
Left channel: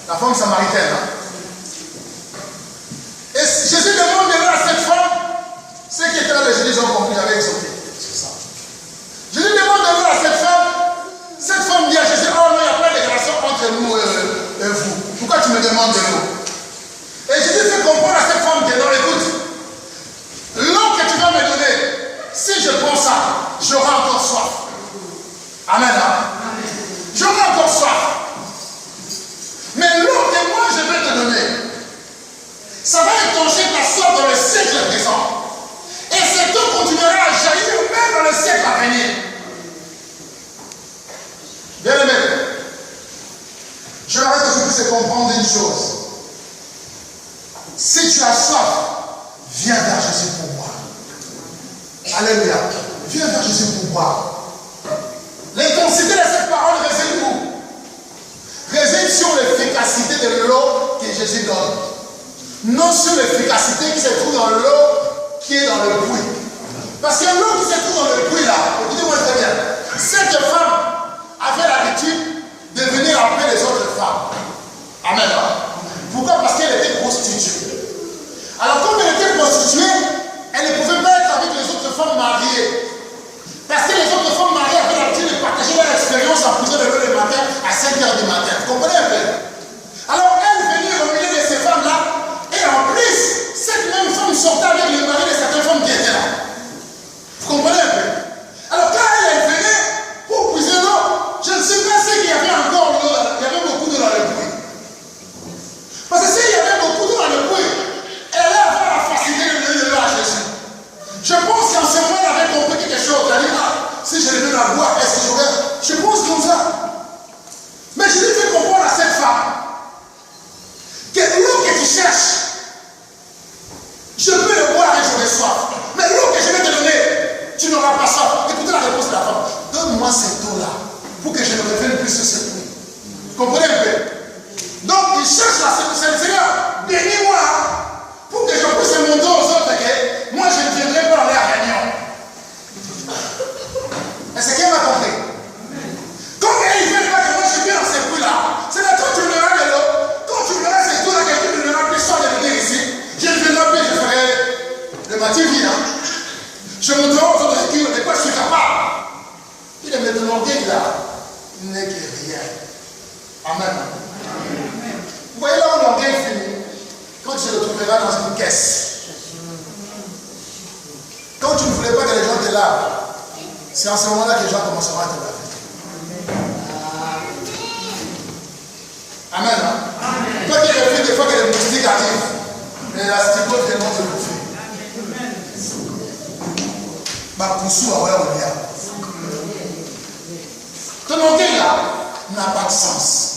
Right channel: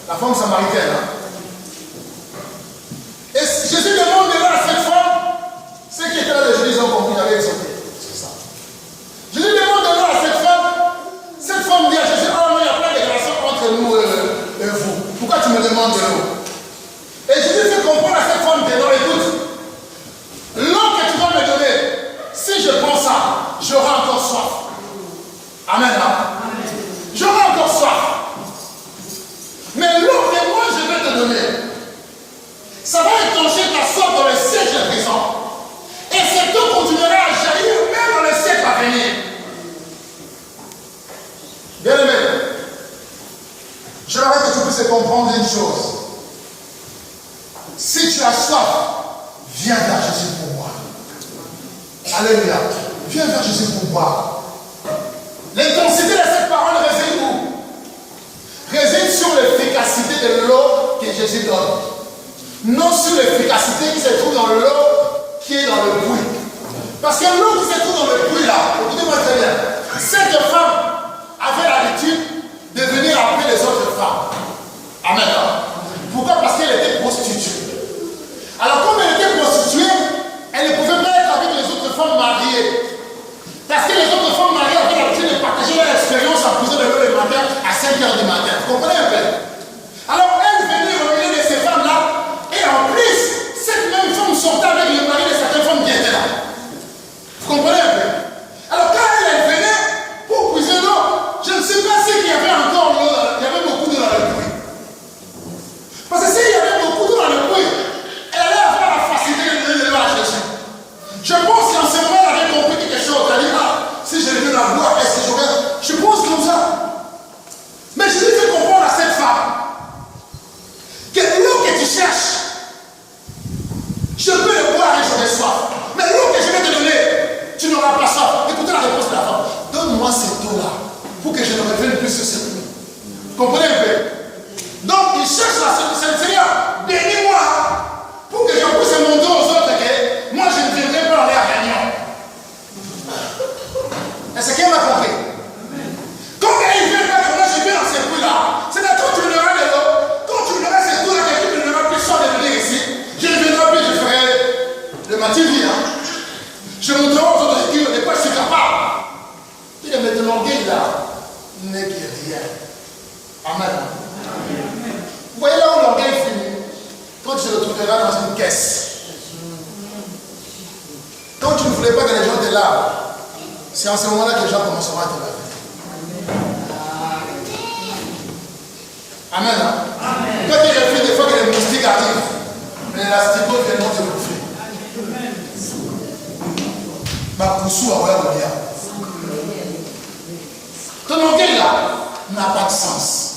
la femme samaritaine. Hein? Et Jésus demande de à cette femme, ceux qui étaient là, les Jésus ont compris, avec exaucé. C'est ça. Jésus demande de à cette femme dit à Jésus, oh non, il n'y a pas de relation entre nous et vous. Pourquoi tu me demandes de l'eau? Et Jésus fait comprendre à cette femme que non, écoute, l'eau J'aimerais que tu puisses comprendre une chose. Si tu as soif, viens vers Jésus pour boire. Alléluia. Viens vers Jésus pour boire. L'intensité de cette parole réside où? Réside sur l'efficacité de l'eau que Jésus donne. Non sur l'efficacité qui se trouve dans l'eau qui est dans le puits. Parce que l'eau qui se trouve dans le puits là, écoutez-moi très bien, cette femme avait l'habitude de venir appeler les autres femmes. Amen. Pourquoi? Parce qu'elle était prostituée. Alors comme elle était prostituée, elle ne pouvait pas être avec les autres femmes mariées. Parce que les autres femmes mariées avaient l'habitude de partager leur expérience en puisant de l'eau le matin à 5 h du matin. Vous comprenez un peu? Alors elle venait au milieu de ces femmes-là, et en plus, cette même femme sortait avec le mari de certaines femmes qui étaient là. Vous comprenez un peu? Alors quand elle venait pour puiser l'eau, je ne sais pas ce qu'il y avait encore l'eau, il y avait beaucoup d'eau dans le puits. Parce que s'il y avait beaucoup d'eau dans le puits, elle allait avoir la facilité de donner de l'eau à Jésus. Je pense qu'en ce moment, elle avait compris quelque chose. Elle a dit, si je lui donne à boire, est-ce que j'aurais... Je pense comme ça. Mais je lui fais comprendre à cette femme que l'eau que tu cherches, je peux le boire et j'aurai soif. Mais l'eau que je vais te donner, tu n'auras pas soif. Écoutez la réponse de la femme. Donne-moi cette eau-là pour que je ne revienne plus sur ce puits. Vous comprenez un peu? Donc, il cherche la Seigneur, bénis-moi pour que je puisse montrer aux autres que moi, je ne viendrai pas dans les réunions. Est-ce qu'elle m'a compris? Quand il vient pas que moi, je viens dans ce puits-là, c'est là quand tu donneras de l'eau, quand tu donneras cette eau-là, quelqu'un ne donnera plus soin de venir ici, je ne viendrai plus, je ferai le matin vide. Je montrerai aux autres de quoi je suis capable. Il est maintenant l'orgueil là, il n'est que rien. Amen. Vous voyez là où l'orgueil finit? Quand tu le trouveras dans une caisse. Quand tu ne voulais pas que les gens te lavent, c'est en ce moment-là que les gens commenceront à te laver. Amen. Toi qui refais des fois que les moustiques arrivent, mais l'astico viendront te bouffer. Ma poussou a ouvert le lien. Ton orgueil là n'a pas de sens.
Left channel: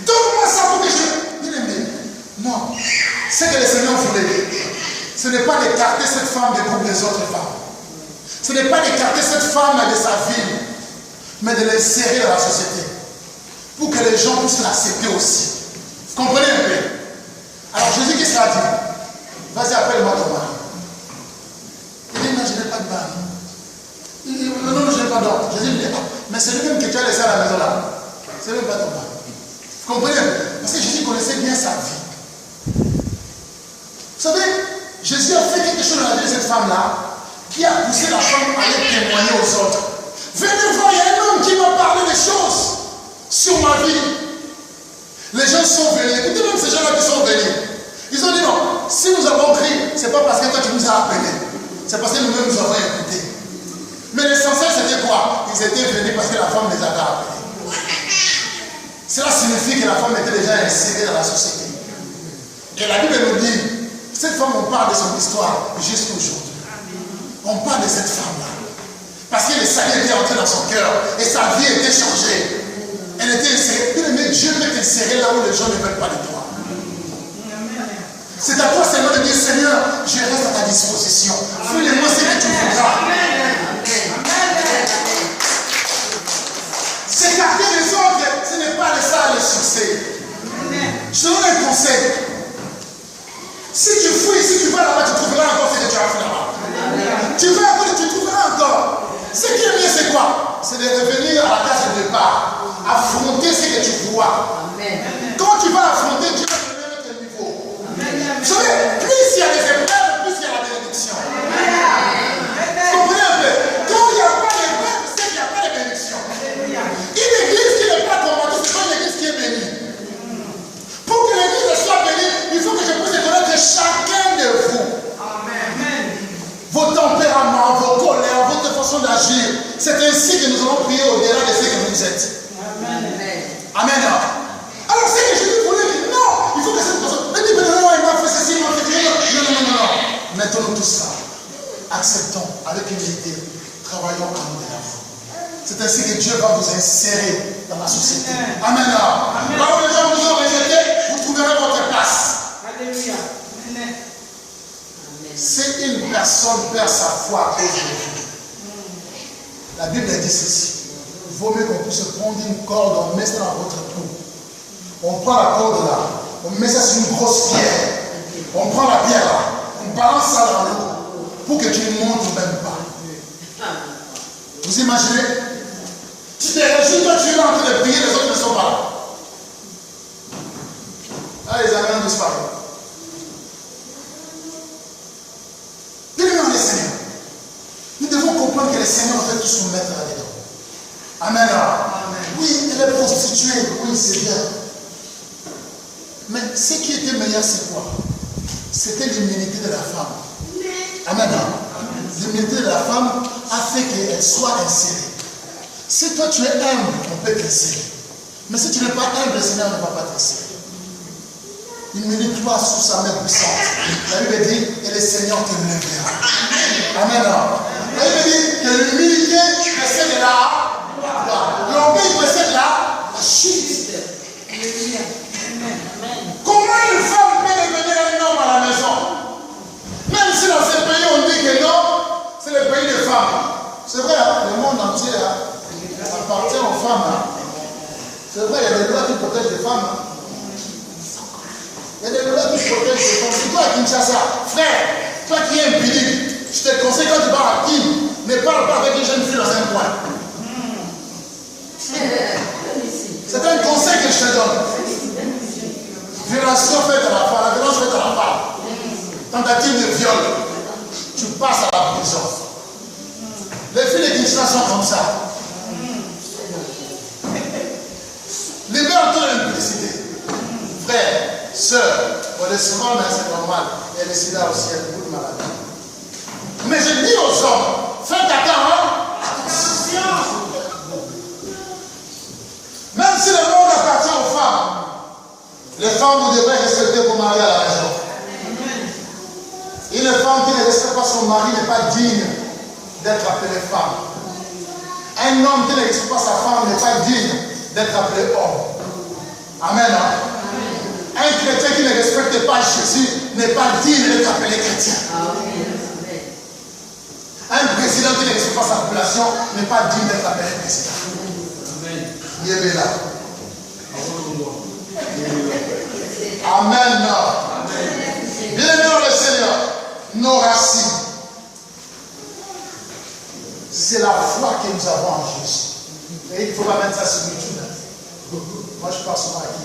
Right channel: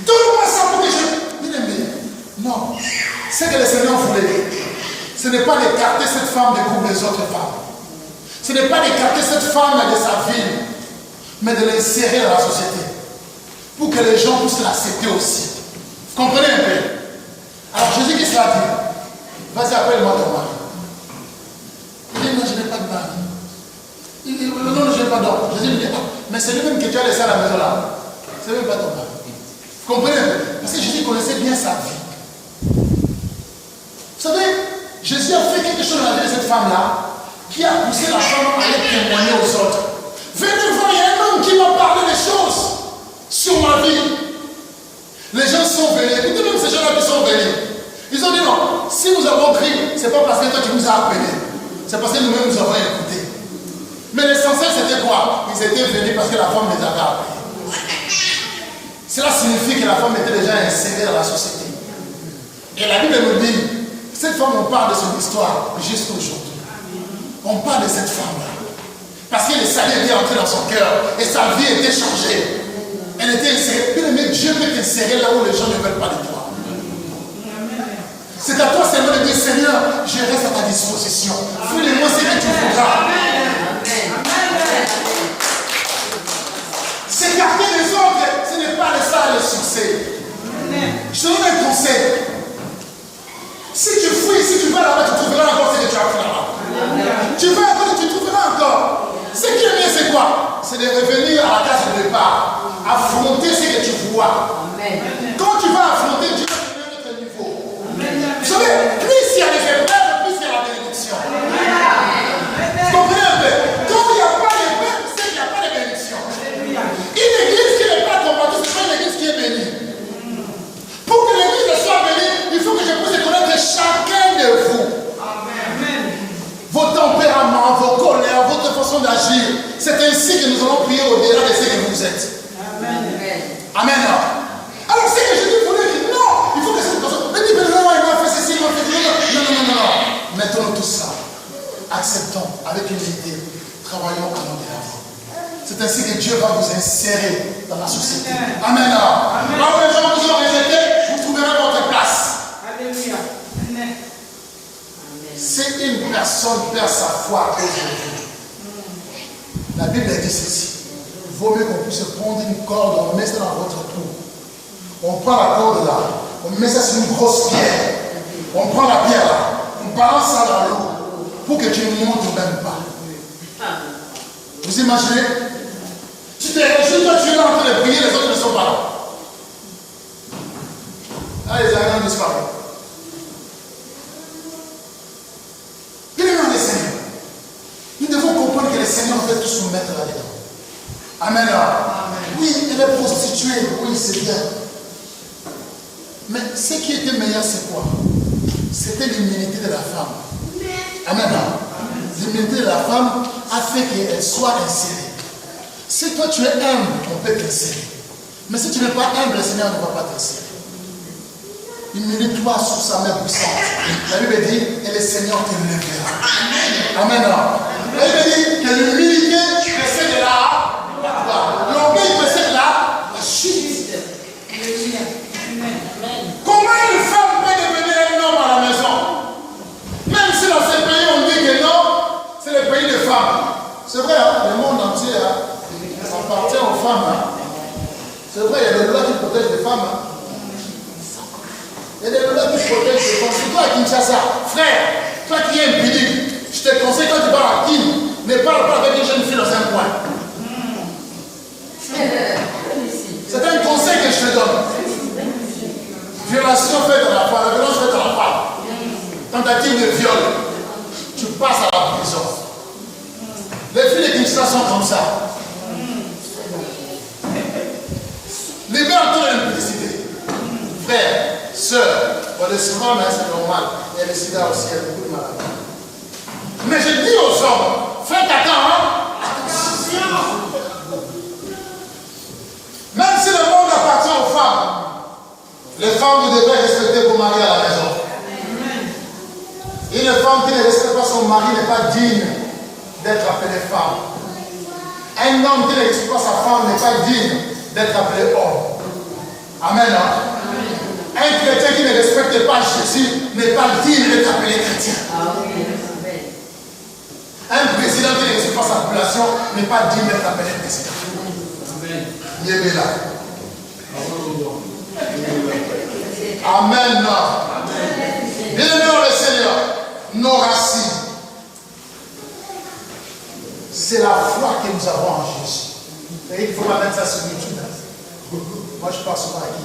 Donne-moi ça pour que je... Non. Ce que le Seigneur voulait, ce n'est pas d'écarter cette femme des groupes des autres femmes. Ce n'est pas d'écarter cette femme de sa ville, mais de l'insérer dans la société. Pour que les gens puissent l'accepter aussi. Vous comprenez un peu? Alors Jésus, qu'est-ce qu'il a dit? Vas-y, appelle-moi ton mari. Il dit, non, je n'ai pas de mari. Il dit, non, je n'ai pas d'homme. Jésus lui dit, mais c'est lui-même que tu as laissé à la maison là. C'est même pas ton mari. Vous comprenez? Parce que Jésus connaissait bien sa vie. Vous savez, Jésus a fait quelque chose dans la vie de cette femme-là qui a poussé la femme à aller témoigner aux autres. Venez voir, il y a un homme qui m'a parlé des choses sur ma vie. Les gens sont venus. Écoutez même ces gens-là qui sont venus. Ils ont dit non, si nous avons crié, ce n'est pas parce que toi tu nous as appelés. C'est parce que nous-mêmes nous avons écouté. Mais l'essentiel c'était quoi? Ils étaient venus parce que la femme les avait appelés. Cela signifie que la femme était déjà insérée dans la société. Et la Bible nous dit, cette femme, on parle de son histoire jusqu'à aujourd'hui. On parle de cette femme-là. Parce que le salut était entré dans son cœur et sa vie était changée. Elle était insérée. Mais Dieu peut t'insérer là où les gens ne veulent pas de toi. C'est à toi seulement de dire, Seigneur, je reste à ta disposition. Fais-le-moi ce que tu voudras. S'écarter des autres, ce n'est pas ça le succès. Je te donne un conseil. Si tu fouilles, si tu vas là-bas, tu trouveras encore ce que tu as fait là-bas. Tu vas encore, tu trouveras encore. Ce qui est bien, c'est quoi? C'est de revenir à la case de départ. Affronter ce que tu vois. Quand tu vas affronter, Dieu va te donner un autre niveau. Vous savez, plus il y a des épreuves, plus il y a la bénédiction. Vous comprenez un peu? Quand il n'y a pas d'épreuve, c'est qu'il n'y a pas de bénédiction. Une église qui n'est pas combattue, ce n'est pas une église qui est bénie. Pour que l'église soit bénie, il faut que je puisse connaître chacun de vous. Vos tempéraments, vos colères, votre façon d'agir. C'est ainsi que nous allons prier au-delà de ce que vous êtes. Amen. Alors c'est que je lui voulais dire non, il faut que cette personne. Ne dis pas non, il m'a fait ceci, il m'a fait cela. Non. Mettons tout ça. Acceptons avec humilité. Travaillons à nous de la foi. C'est ainsi que Dieu va vous insérer dans la société. Amen. Là où les gens vous ont rejeté, vous trouverez votre place. Alléluia. Si une personne perd sa foi à cause de vous, la Bible dit ceci. Il vaut mieux qu'on puisse prendre une corde, on met ça dans votre trou. On prend la corde là, on met ça sur une grosse pierre. On prend la pierre là, on balance ça dans l'eau pour que tu ne montes même pas. Vous imaginez? Tu te réjouis, toi tu es là en train de prier, les autres ne sont pas là. Là, les amis ont disparu. Bien-aimés dans le Seigneur, nous devons comprendre que le Seigneur veut tous nous mettre là-dedans. Amen. Oui, elle est prostituée, oui, c'est bien. Mais ce qui était meilleur, c'est quoi? C'était l'humilité de la femme. Amen. L'humilité de la femme a fait qu'elle soit insérée. Si toi tu es humble, on peut t'insérer. Mais si tu n'es pas humble, le Seigneur ne va pas t'insérer. Humilie-toi sous sa main puissante. La Bible dit, et le Seigneur te lèvera. Amen. La Bible dit que l'humilité précède la gloire. L'orgueil précède la chute. Comment une femme peut devenir un homme à la maison? Même si dans ces pays on dit que non, c'est le pays des femmes. C'est vrai, hein? Le monde entier appartient aux femmes. Hein? C'est vrai, il y a des lois qui protègent les femmes. Hein? Il y a des lois qui protègent les femmes. C'est toi à Kinshasa, frère, toi qui es impudique, je te conseille quand tu parles à Kim, ne parle pas avec une jeune fille dans un coin. C'est un conseil que je te donne. Violation faite à la femme, la violence faite à la femme. Tentative de viol, tu passes à la prison. Les filles de Kinshasa sont comme ça. Libère-toi de l'impudicité. Frère, soeur, on est souvent, mais c'est normal. Il y a le sida aussi, il y a beaucoup de maladies. Mais je dis aux hommes, faites attention. Même si le monde appartient aux femmes, les femmes, vous devrez respecter vos maris à la maison. Une femme qui ne respecte pas son mari n'est pas digne d'être appelée femme. Un homme qui ne respecte pas sa femme n'est pas digne d'être appelé homme. Amen. Hein? Un chrétien qui ne respecte pas Jésus n'est pas digne d'être appelé chrétien. Un président qui ne respecte pas sa population n'est pas digne d'être appelé président. Amen. Amen. Bien-aimés dans le Seigneur, nos racines, c'est la foi que nous avons en Jésus. Et il ne faut pas mettre ça sur YouTube. Moi, je parle souvent à qui?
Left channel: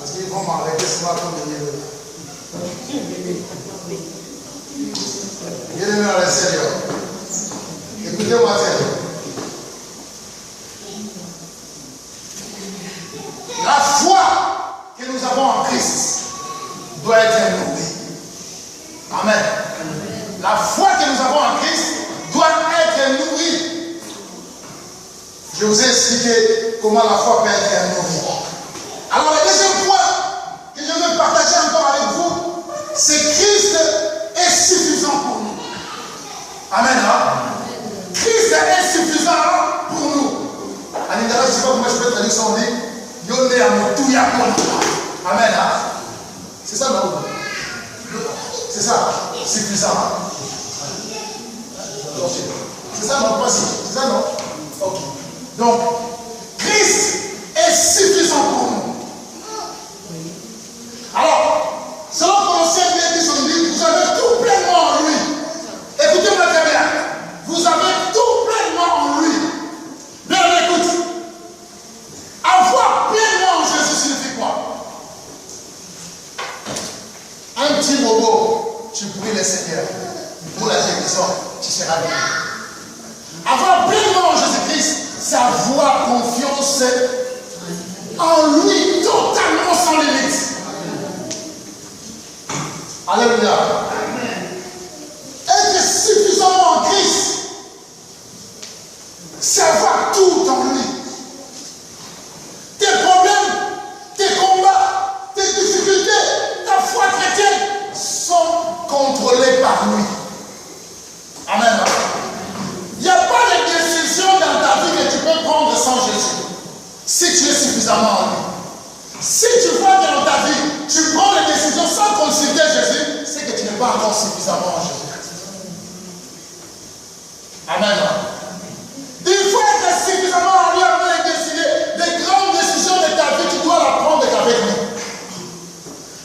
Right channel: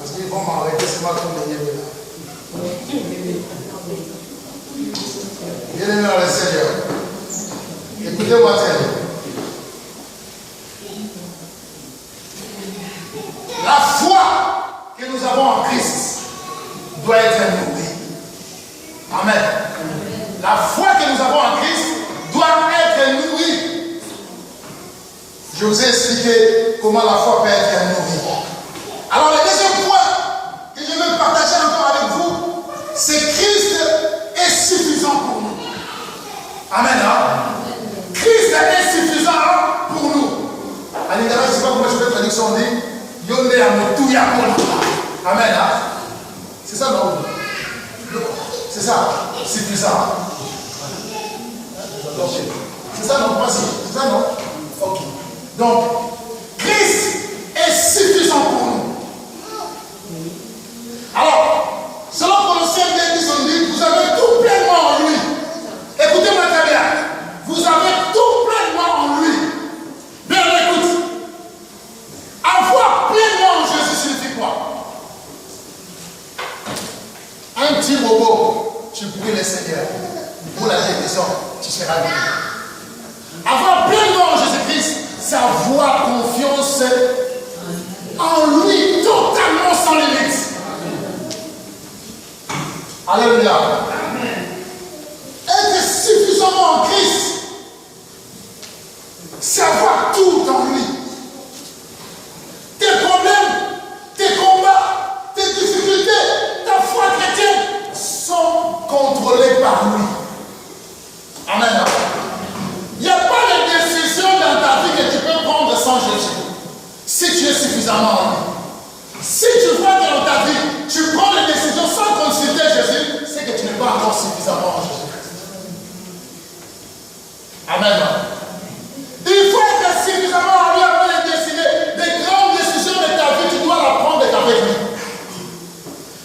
Parce qu'ils vont m'arrêter, c'est moi qui vais là. Bien-aimés dans le Seigneur, écoutez-moi très. La foi que nous avons en Christ doit être nourrie. Amen. La foi que nous avons en Christ doit être nourrie. Je vous ai expliqué comment la foi peut être nourrie. Alors le deuxième point que je veux partager encore avec vous, c'est Christ est suffisant pour nous. Amen. Hein? Christ est suffisant pour nous. En Lingala, je ne sais pas comment je peux traduire son livre. Amen. Hein? C'est ça, non? C'est ça, suffisant. C'est ça, non? C'est ça, non? Ok. Donc, Christ est suffisant pour nous. Alors, selon Colossiens 2, son livre, vous avez tout pleinement en lui. Écoutez-moi très bien. Vous avez tout pleinement en lui. Bien, écoute. Avoir pleinement en Jésus signifie quoi? Un petit robot, tu pries le Seigneur. Pour la guérison, tu seras guéri. Avoir pleinement en Jésus-Christ, c'est avoir confiance en lui, totalement sans limite. Alléluia. Être suffisamment en Christ, c'est avoir tout en lui. Tes problèmes, tes combats, tes difficultés, ta foi chrétienne sont contrôlés par lui. Amen. tu es suffisamment en lui. Si tu vois que dans ta vie, tu prends les décisions sans consulter Jésus, c'est que tu n'es pas encore suffisamment en Jésus-Christ. Amen. Il faut être suffisamment en lui avant de décider des grandes décisions de ta vie. Tu dois la prendre qu'avec lui.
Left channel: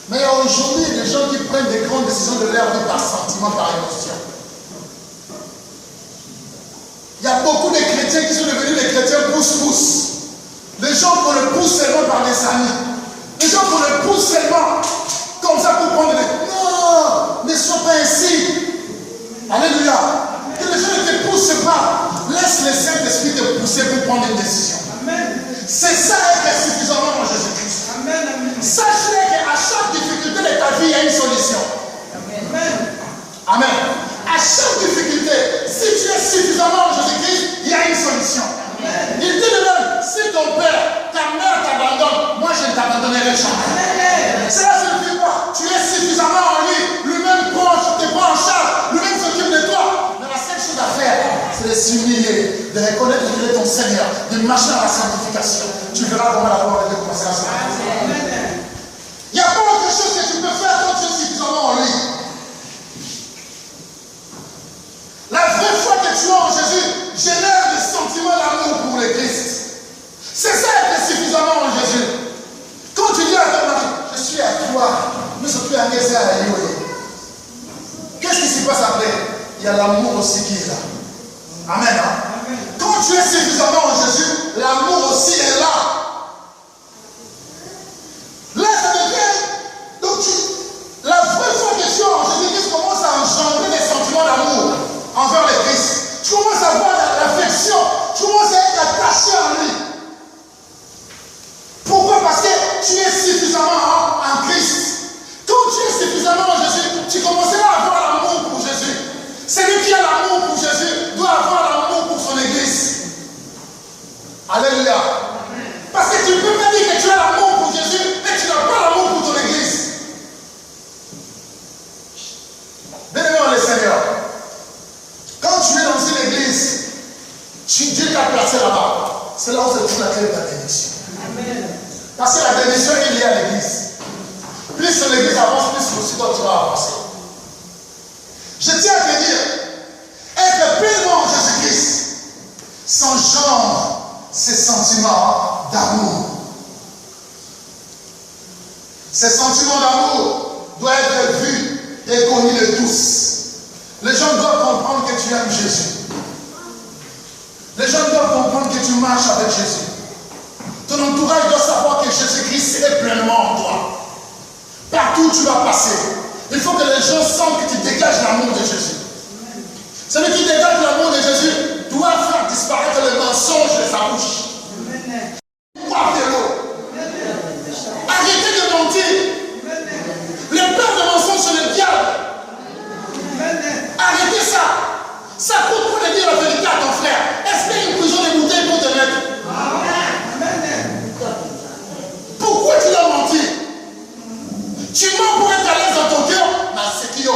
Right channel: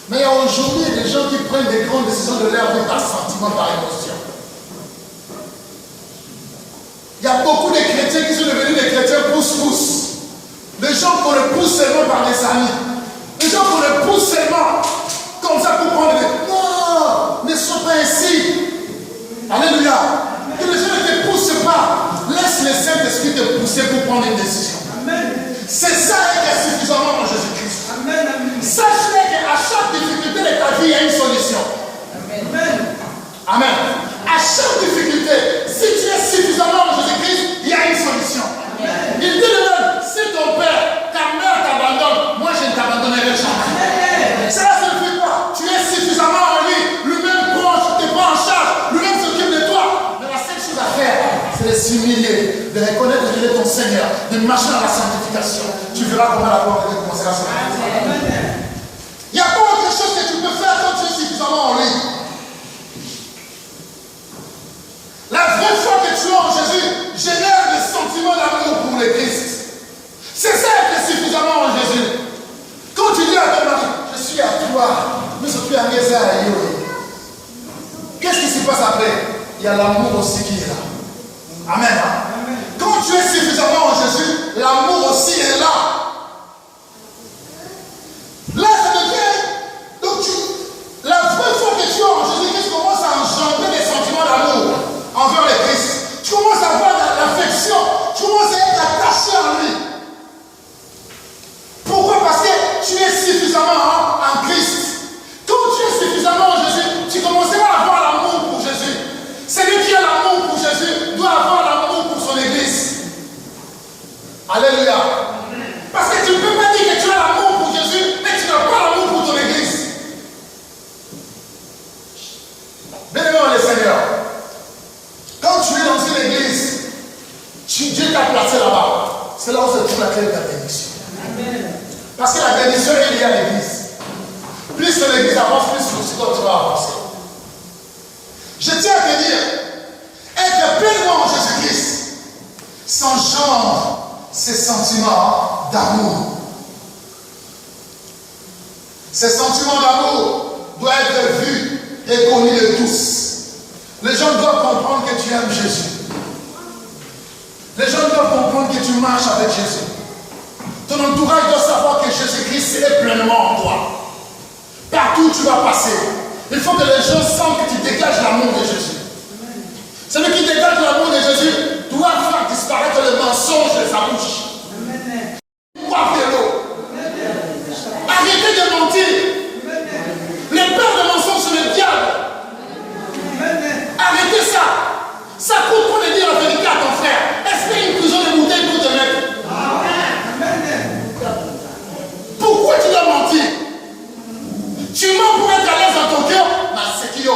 Mais il y a aujourd'hui des gens qui prennent des grandes décisions de leur vie par sentiment, par émotion. Il y a beaucoup de chrétiens qui sont devenus des chrétiens pousse-pousse. Des gens qu'on le pousse seulement par des amis. Des gens qu'on le pousse seulement comme ça pour prendre des... Non, ne sois pas ainsi. Alléluia. Que les gens ne te poussent pas. Laisse le Saint-Esprit te pousser pour prendre une décision. C'est ça être suffisamment en Jésus-Christ. Sache-le qu'à chaque difficulté de ta vie, il y a une solution. Amen. À chaque difficulté, si tu es suffisamment en Jésus-Christ, il y a une solution. Il dit lui-même, si ton père, ta mère t'abandonne, moi je ne t'abandonnerai jamais. Cela signifie quoi? Tu es suffisamment en lui, lui-même te prend en charge, lui-même s'occupe de toi. Mais la seule chose à faire, c'est de s'humilier, de reconnaître que tu es ton Seigneur, de marcher dans la sanctification. Tu verras comment la gloire de Dieu commencera à se manifester. Il n'y a pas autre chose que tu peux faire quand tu es suffisamment en lui. La vraie foi que tu as en Jésus génère des sentiments d'amour pour le Christ. C'est ça être suffisamment en Jésus. Quand tu dis à ton mari, je suis à toi, mais surtout à Géza à Yoé. Qu'est-ce qui se passe après? Il y a l'amour aussi qui est là. Amen. Hein? Quand tu es suffisamment en Jésus, l'amour aussi est là. Là, ça devient. Donc, la vraie foi que tu as en Jésus-Christ commence à engendrer des sentiments d'amour envers le Christ. Tu commences à avoir l'affection. Tu commences à être attaché à lui. Pourquoi? Parce que tu es suffisamment en Christ. Quand tu es suffisamment en Jésus, tu commenceras à avoir l'amour pour Jésus. Celui qui a l'amour pour Jésus doit avoir l'amour pour son Église. Alléluia. Parce que tu ne peux pas dire que tu as l'amour pour Jésus et tu n'as pas l'amour pour ton Église. Bien-aimé dans le Seigneur, quand tu es dans une église, Dieu t'a placé là-bas. C'est là où se trouve la clé de ta bénédiction. Parce que la bénédiction est liée à l'église. Plus l'église avance, plus aussi toi tu vas avancer. Je tiens à te dire, être pleinement en Jésus-Christ s'engendre ces sentiments d'amour. Ces sentiments d'amour doivent être vus et connus de tous. Les gens doivent comprendre que tu aimes Jésus. Les gens doivent comprendre que tu marches avec Jésus. Ton entourage doit savoir que Jésus-Christ est pleinement en toi. Partout où tu vas passer, il faut que les gens sentent que tu dégages l'amour de Jésus. Celui qui dégage l'amour de Jésus doit faire disparaître le mensonge de sa bouche. Boire de l'eau. Arrêtez de mentir. Le père de mensonge, c'est le diable. Arrêtez ça. Ça coûte pour de dire la vérité à ton frère. Est-ce qu'il y a une prison de bouteilles pour te mettre? Pourquoi tu dois mentir? Tu mens pour être à l'aise dans ton cœur? C'est qui? Tu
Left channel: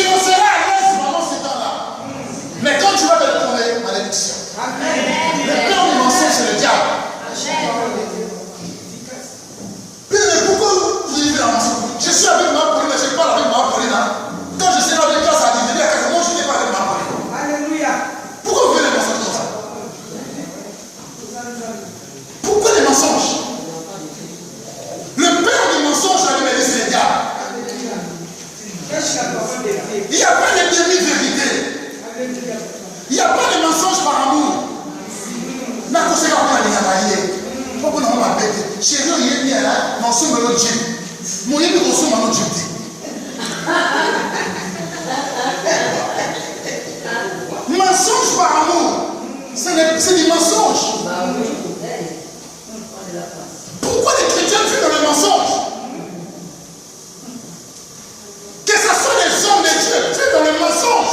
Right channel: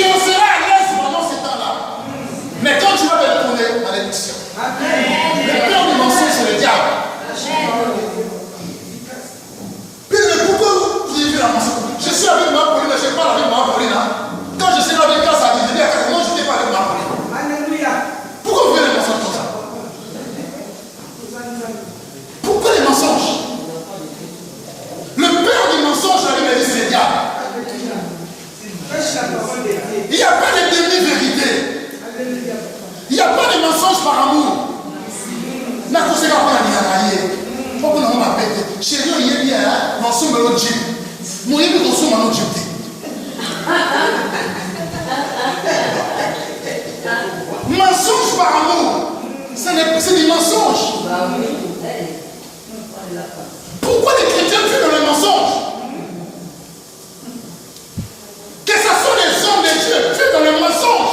en seras à l'aise pendant ce temps-là. Mais quand tu vas te retourner, malédiction. Le père du mensonge, c'est le diable. Mais pourquoi vous vivez la mensonge? Je suis avec ma Pauline, mais je parle avec ma Pauline. Hein? Quand je serai avec toi, ça dit, je dis à quelqu'un, moi je n'ai pas avec ma Pauline. Alléluia. Pourquoi vous voulez les mensonges comme ça? Pourquoi les mensonges? Le père du mensonge, la Bible dit, c'est le diable. Il n'y a pas de demi-vérité. Il n'y a pas de mensonge par amour. Mais quand c'est quand on a des mariés, pourquoi on m'a pété? Chérie, il est bien, non, c'est mon autre Dieu. Mon Dieu, c'est mon autre Dieu. Mensonge par amour, c'est des mensonges. Pourquoi les chrétiens fuient dans le mensonge? Que ce soit les hommes de Dieu fuient dans le mensonge.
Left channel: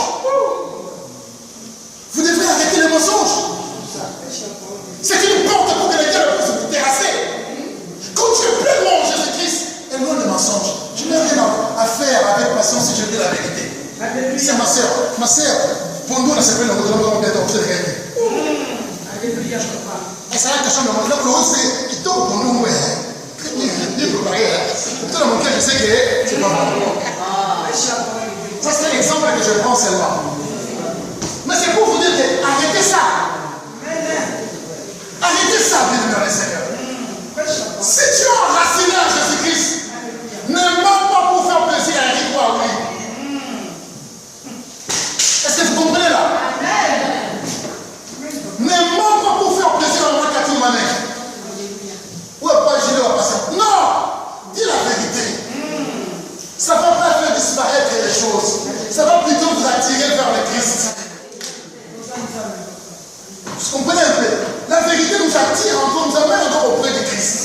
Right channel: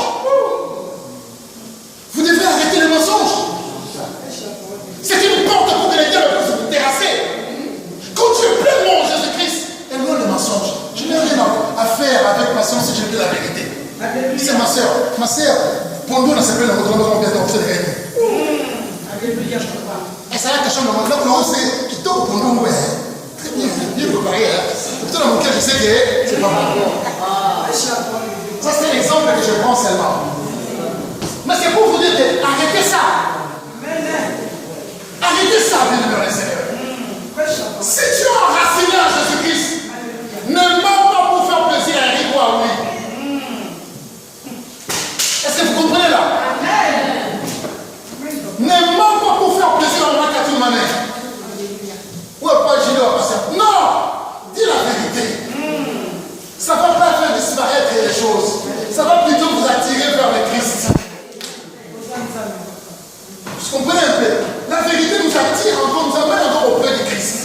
Vous devez arrêter les mensonges. C'est une porte pour que les diables puissent vous terrasser. Quand tu es pleinement en Jésus-Christ, éloigne le mensonge. Je n'ai rien à faire avec patience si je dis la vérité. C'est ma soeur. Ma soeur, pour nous, on a s'appelé le gouvernement bientôt, vous allez gagner. c'est la question de mon là, c'est qui tombe pour nous, très bien, bien préparé. Tout dans mon cœur, je sais que c'est pas bon. Ça, c'est l'exemple que je prends seulement. Mais c'est pour vous dire que arrêtez ça. Arrêtez ça, bien dans le Seigneur. Si tu es enraciné à Jésus-Christ, ne manque pas pour faire plaisir à Eric ou à lui. Est-ce que vous comprenez là? Ne manque pas pour faire plaisir à moi qu'à toute manière. Ou à pas Gilles ou à passer. Non! Dis la vérité. Ça ne va pas faire disparaître les choses. Ça va plutôt vous attirer vers le Christ. Vous comprenez un peu? La vérité nous attire encore, nous amène encore auprès du Christ.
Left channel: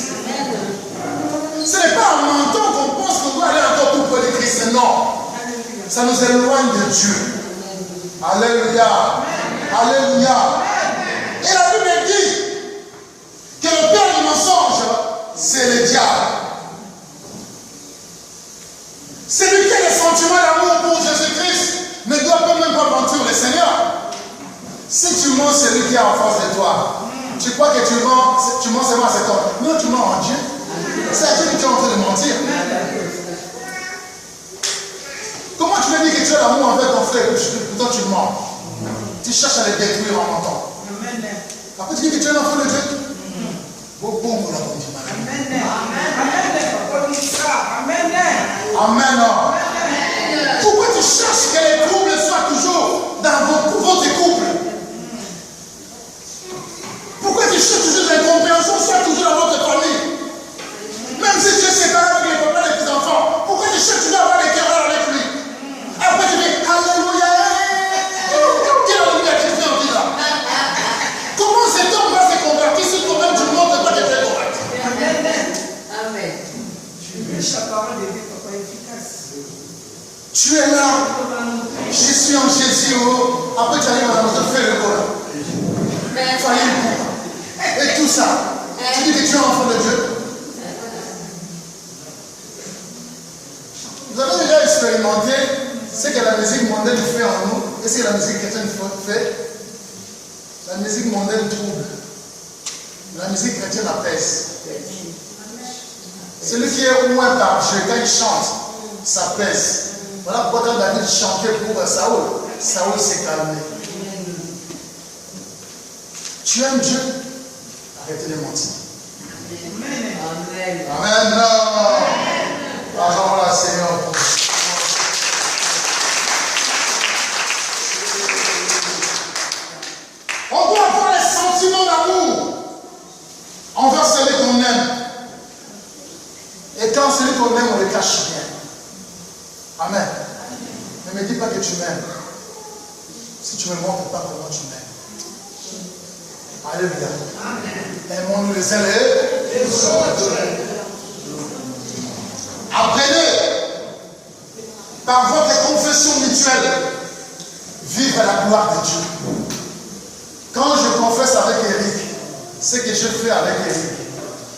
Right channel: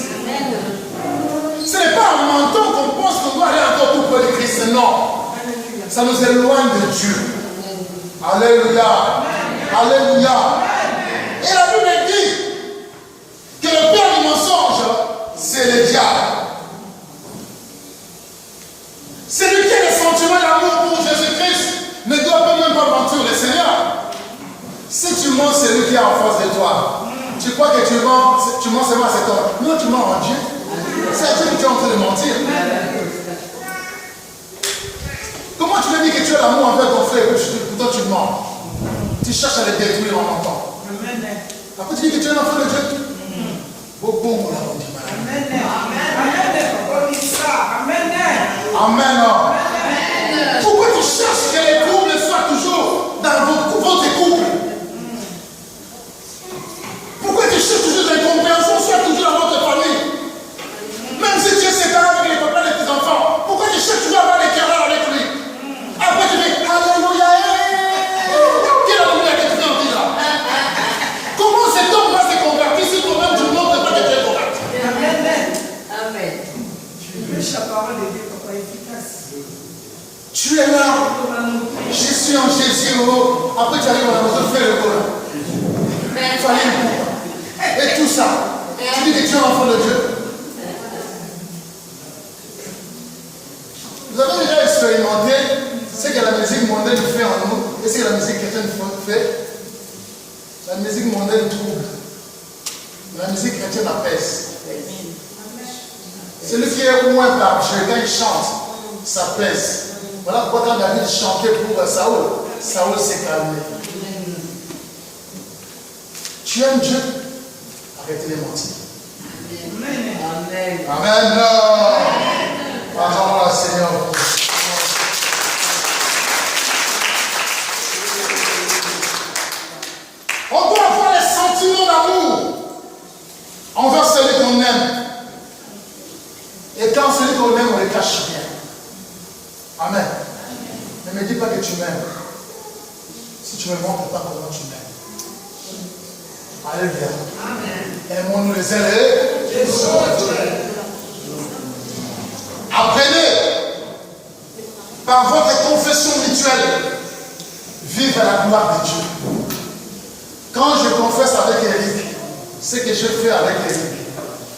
Ce n'est pas en mentant qu'on pense qu'on doit aller encore tout près du Christ. Non. Ça nous éloigne de Dieu. Alléluia. Alléluia. Et la Bible dit que le père du mensonge, c'est le diable. Celui qui a les sentiments d'amour pour Jésus-Christ ne doit même pas mentir le Seigneur. Si tu mens, c'est lui qui est en face de toi. Tu crois que tu mens seulement à cet homme. Non, tu mens en Dieu. C'est à Dieu que tu es en train de mentir. Comment tu peux dire que tu as l'amour envers ton frère et que toi tu mens? Tu cherches à le détruire en mentant. Après tu dis que tu es un enfant de Dieu. Amen. Pourquoi tu cherches que les couples soient toujours dans votre couple? Pourquoi tu cherches toujours l'incompréhension soit toujours dans votre famille? Même si tu es séparé avec les papas et les petits-enfants, pourquoi tu cherches toujours à avoir des querelles avec lui? Après tu dis Alléluia. Quel Alléluia que tu fais en vie là? Comment cet homme va se convertir si toi-même tu ne montres pas que tu es converti? Amen. Tu es là. Je suis en Jésus. Après tu arrives à nous faire le beau là. Il fallait le coup. Et tout ça. Tu dis que tu es un enfant de Dieu. Vous avez déjà expérimenté ce que la musique mondaine fait en nous et ce que la musique chrétienne fait. La musique mondaine trouble. La musique chrétienne apaise. Celui qui est loin par Dieu, quand il chante, ça pèse. Voilà pourquoi quand David chantait pour Saoul, Saoul s'est calmé. Tu aimes Dieu? Arrêtez de mentir. Amen. Amen. Pardon là, Seigneur. On doit avoir les sentiments d'amour envers celui qu'on aime. Et quand celui qu'on aime, on ne le cache rien. Amen. Ne me dis pas que tu m'aimes. Si tu ne me montres pas comment tu m'aimes. Alléluia. Aimons-nous les uns les autres. Apprenez par votre confession mutuelle, vive à la gloire de Dieu. Quand je confesse avec Eric, ce que je fais avec Eric,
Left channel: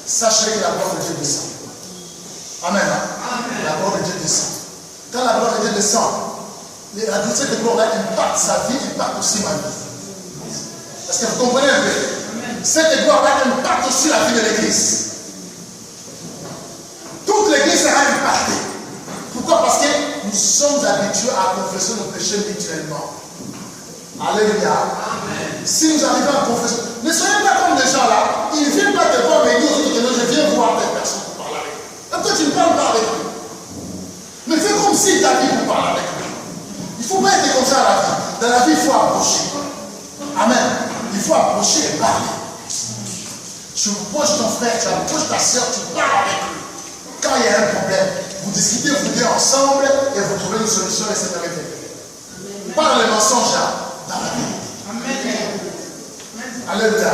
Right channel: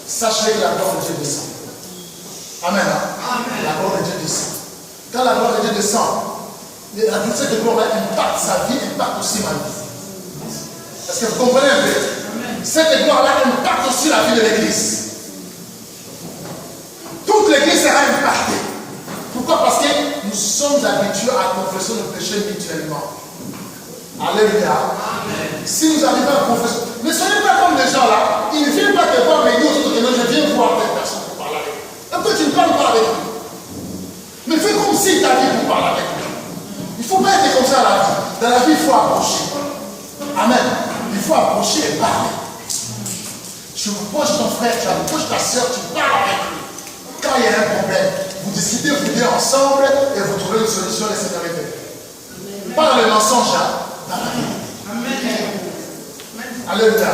sachez que la gloire de Dieu descend. Amen. La gloire de Dieu descend. Quand la gloire de Dieu descend, la douceur de gloire impacte sa vie, impacte aussi ma vie. Est-ce que vous comprenez un peu? Cette gloire-là impacte aussi la vie de l'Église. Toute l'Église sera impactée. Pourquoi? Parce que nous sommes habitués à confesser nos péchés mutuellement. Alléluia. Si nous arrivons à confesser, ne soyez pas comme les gens là, ils ne viennent pas te voir, mais ils disent que non, je viens voir telle personne pour parler avec eux. Et toi, tu ne parles pas avec eux. Mais fais comme si tu as dit pour parler avec eux. Il ne faut pas être comme ça à la vie. Dans la vie, il faut approcher. Amen. Il faut approcher et parler. Tu approches ton frère, tu approches ta soeur, tu parles avec lui. Quand il y a un problème, vous discutez vous deux ensemble et vous trouvez une solution et Seigneur est fait. Pas dans le mensonge, dans la vérité. Alléluia.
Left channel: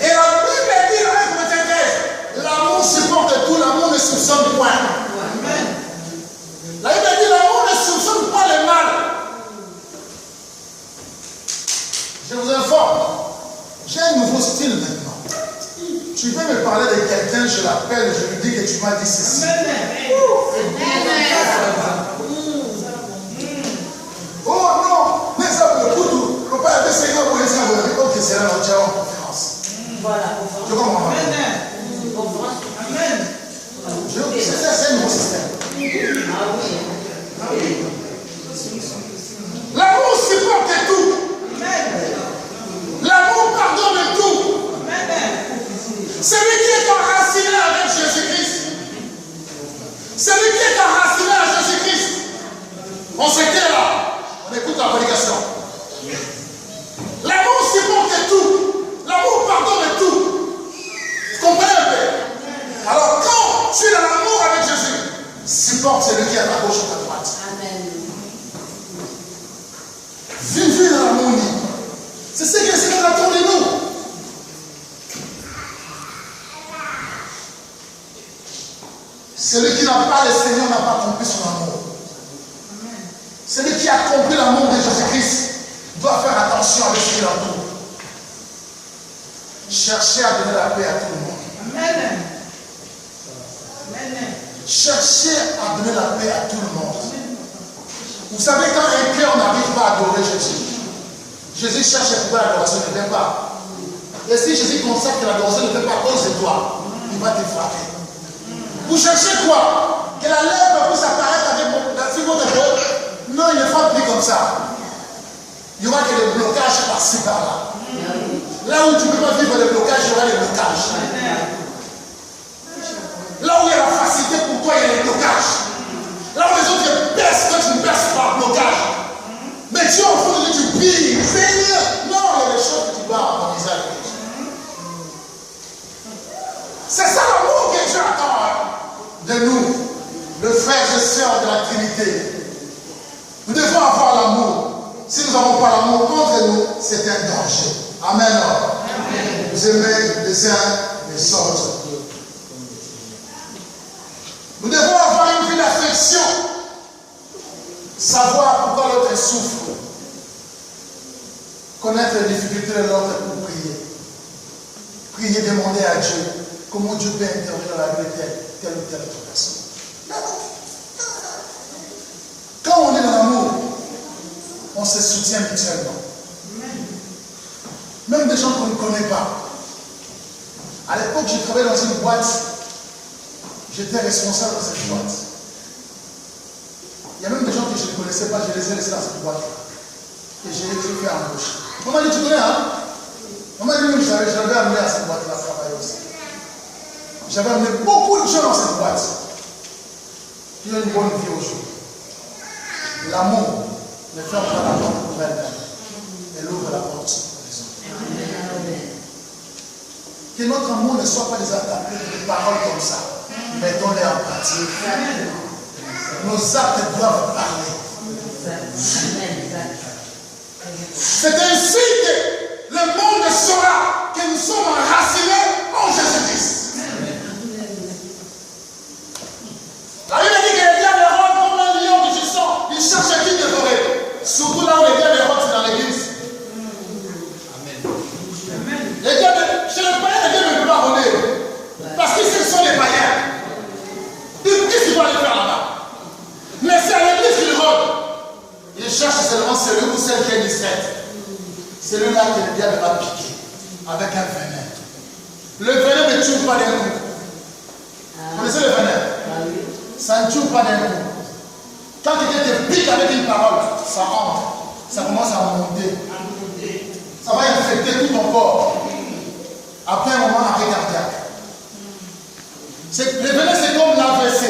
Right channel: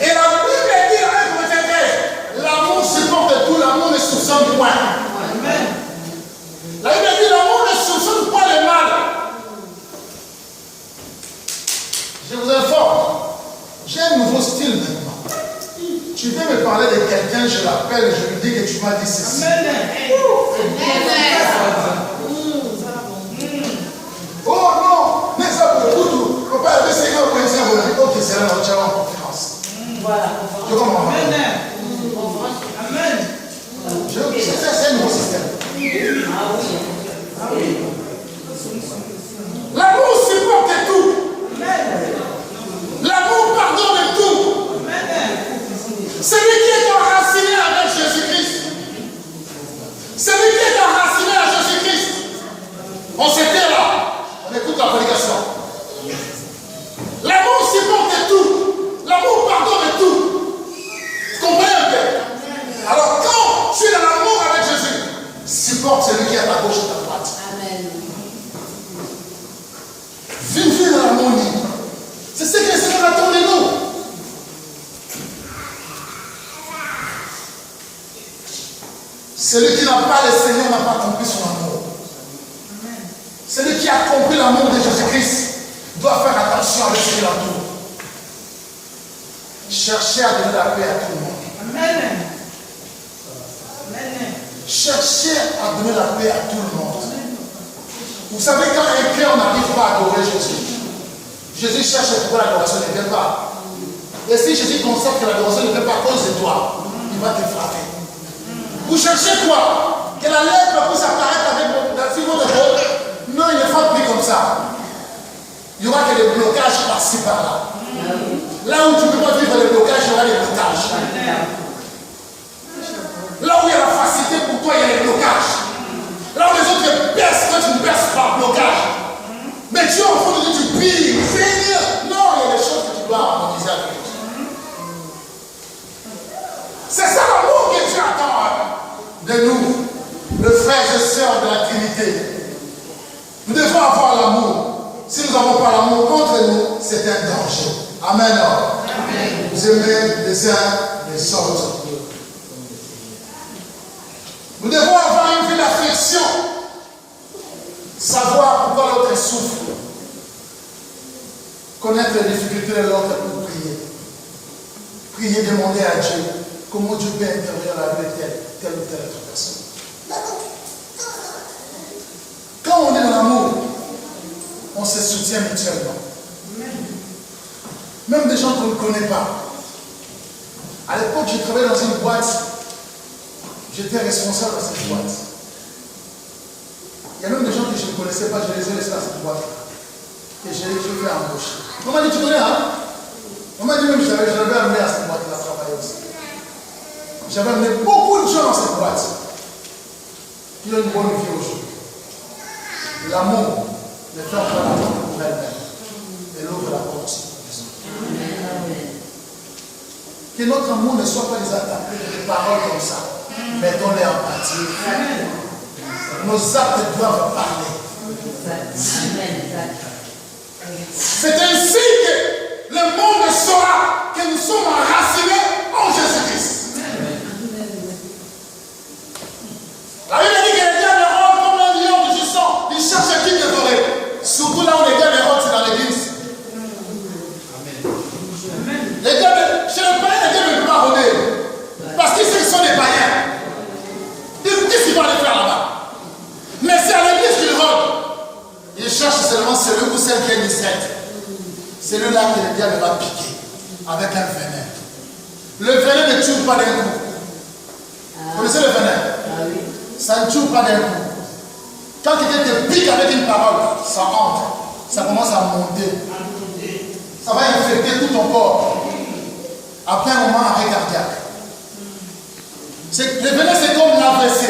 Et la Bible dit dans 1 Corinthiens 15, l'amour supporte tout, l'amour ne soupçonne point. La Bible dit l'amour ne soupçonne pas le mal. Je vous informe, j'ai un nouveau style maintenant. Tu veux me parler de quelqu'un, je l'appelle, je lui dis que tu m'as dit ceci. Oh non, mais ça pour tout. Papa avait 5 ans pour les avoir. Ok, c'est là, on tient en conférence. Je comprends. Amen. C'est un nouveau système. L'amour supporte tout. L'amour pardonne tout. Celui qui est enraciné avec Jésus-Christ. Celui qui est enraciné à Jésus-Christ. On s'était là. On écoute la prédication. L'amour supporte tout. L'amour pardonne tout. Vous comprenez un peu? Alors quand tu es dans l'amour avec Jésus, supporte celui qui est à ta gauche et à ta droite. Amen. Vivez dans l'harmonie. C'est ce que le Seigneur attend de nous. Celui qui n'a pas le Seigneur n'a pas compris son amour. Celui qui a compris l'amour de Jésus-Christ doit faire attention avec ce qui l'entoure. Cherchez à donner la paix à tout le monde. Amen. Cherchez à donner la paix à tout le monde. Vous savez, quand un cœur n'arrive pas à adorer Jésus, Jésus cherche pourquoi l'adoration ne vient pas. Et si Jésus constate que l'adoration ne vient pas à cause de toi, il va te frapper. Vous cherchez quoi? Que la lèvre puisse apparaître avec votre peau? Non, il ne frappe plus comme ça. Il y aura que des blocages par-ci par-là. Là où tu ne peux pas vivre les blocages, il y aura des blocages. Là où il y a la facilité pour toi, il y a les blocages. Là où les autres percent, quand tu ne perces pas, blocage. Mais Dieu, au fond de Dieu, tu pries, Seigneur. Non, il y a des choses que tu dois harmoniser avec Dieu. C'est ça l'amour que Dieu attend de nous, le frère et sœurs de la Trinité. Nous devons avoir l'amour. Si nous n'avons pas l'amour contre nous, c'est un danger. Amen. Amen. Vous aimez les uns les autres. Nous devons avoir une vie d'affection. Savoir pourquoi l'autre souffre. Connaître les difficultés de l'autre pour prier. Prier, demander à Dieu comment Dieu peut intervenir dans la vie de telle ou telle autre personne. Quand on est dans l'amour, on se soutient mutuellement. Même des gens qu'on ne connaît pas. À l'époque, je travaillais dans une boîte. J'étais responsable dans cette boîte. Il y a même des gens que je ne connaissais pas, je les ai laissés dans cette boîte-là. Et je les ai fait embaucher. On m'a dit, tu connais, hein? On m'a dit même, je l'avais amené à cette boîte-là travailler aussi. J'avais amené beaucoup de gens dans cette boîte qui ont une bonne vie aujourd'hui. L'amour ne ferme pas la porte pour elle-même. Elle ouvre la porte pour les autres. Que notre amour ne soit pas des attaques, des paroles comme ça. Mettons-les en pratique. Nos actes doivent parler. C'est ainsi que le monde saura que nous sommes enracinés en Jésus-Christ. La Bible dit que les diables rôdent comme un lion rugissant. Ils cherchent qui dévorer. Surtout là où les diables rôdent, c'est dans l'église. Les diables, chez les païens, les diables ne peuvent pas rôder. Parce qu'ils sont des païens. Qu'est-ce qu'ils vont aller faire là-bas? Mais c'est à l'église qu'ils rôdent. Ils cherchent seulement celui ou celle qui est discrète. C'est là que le diable va piquer avec un venin. Le venin ne tue pas d'un coup. Vous connaissez le venin? Ça ne tue pas d'un coup. Quand quelqu'un te pique avec une parole, ça entre. Ça commence à monter. Ça va infecter tout ton corps. Après un moment, arrêt cardiaque. Le venin, c'est comme l'AVC.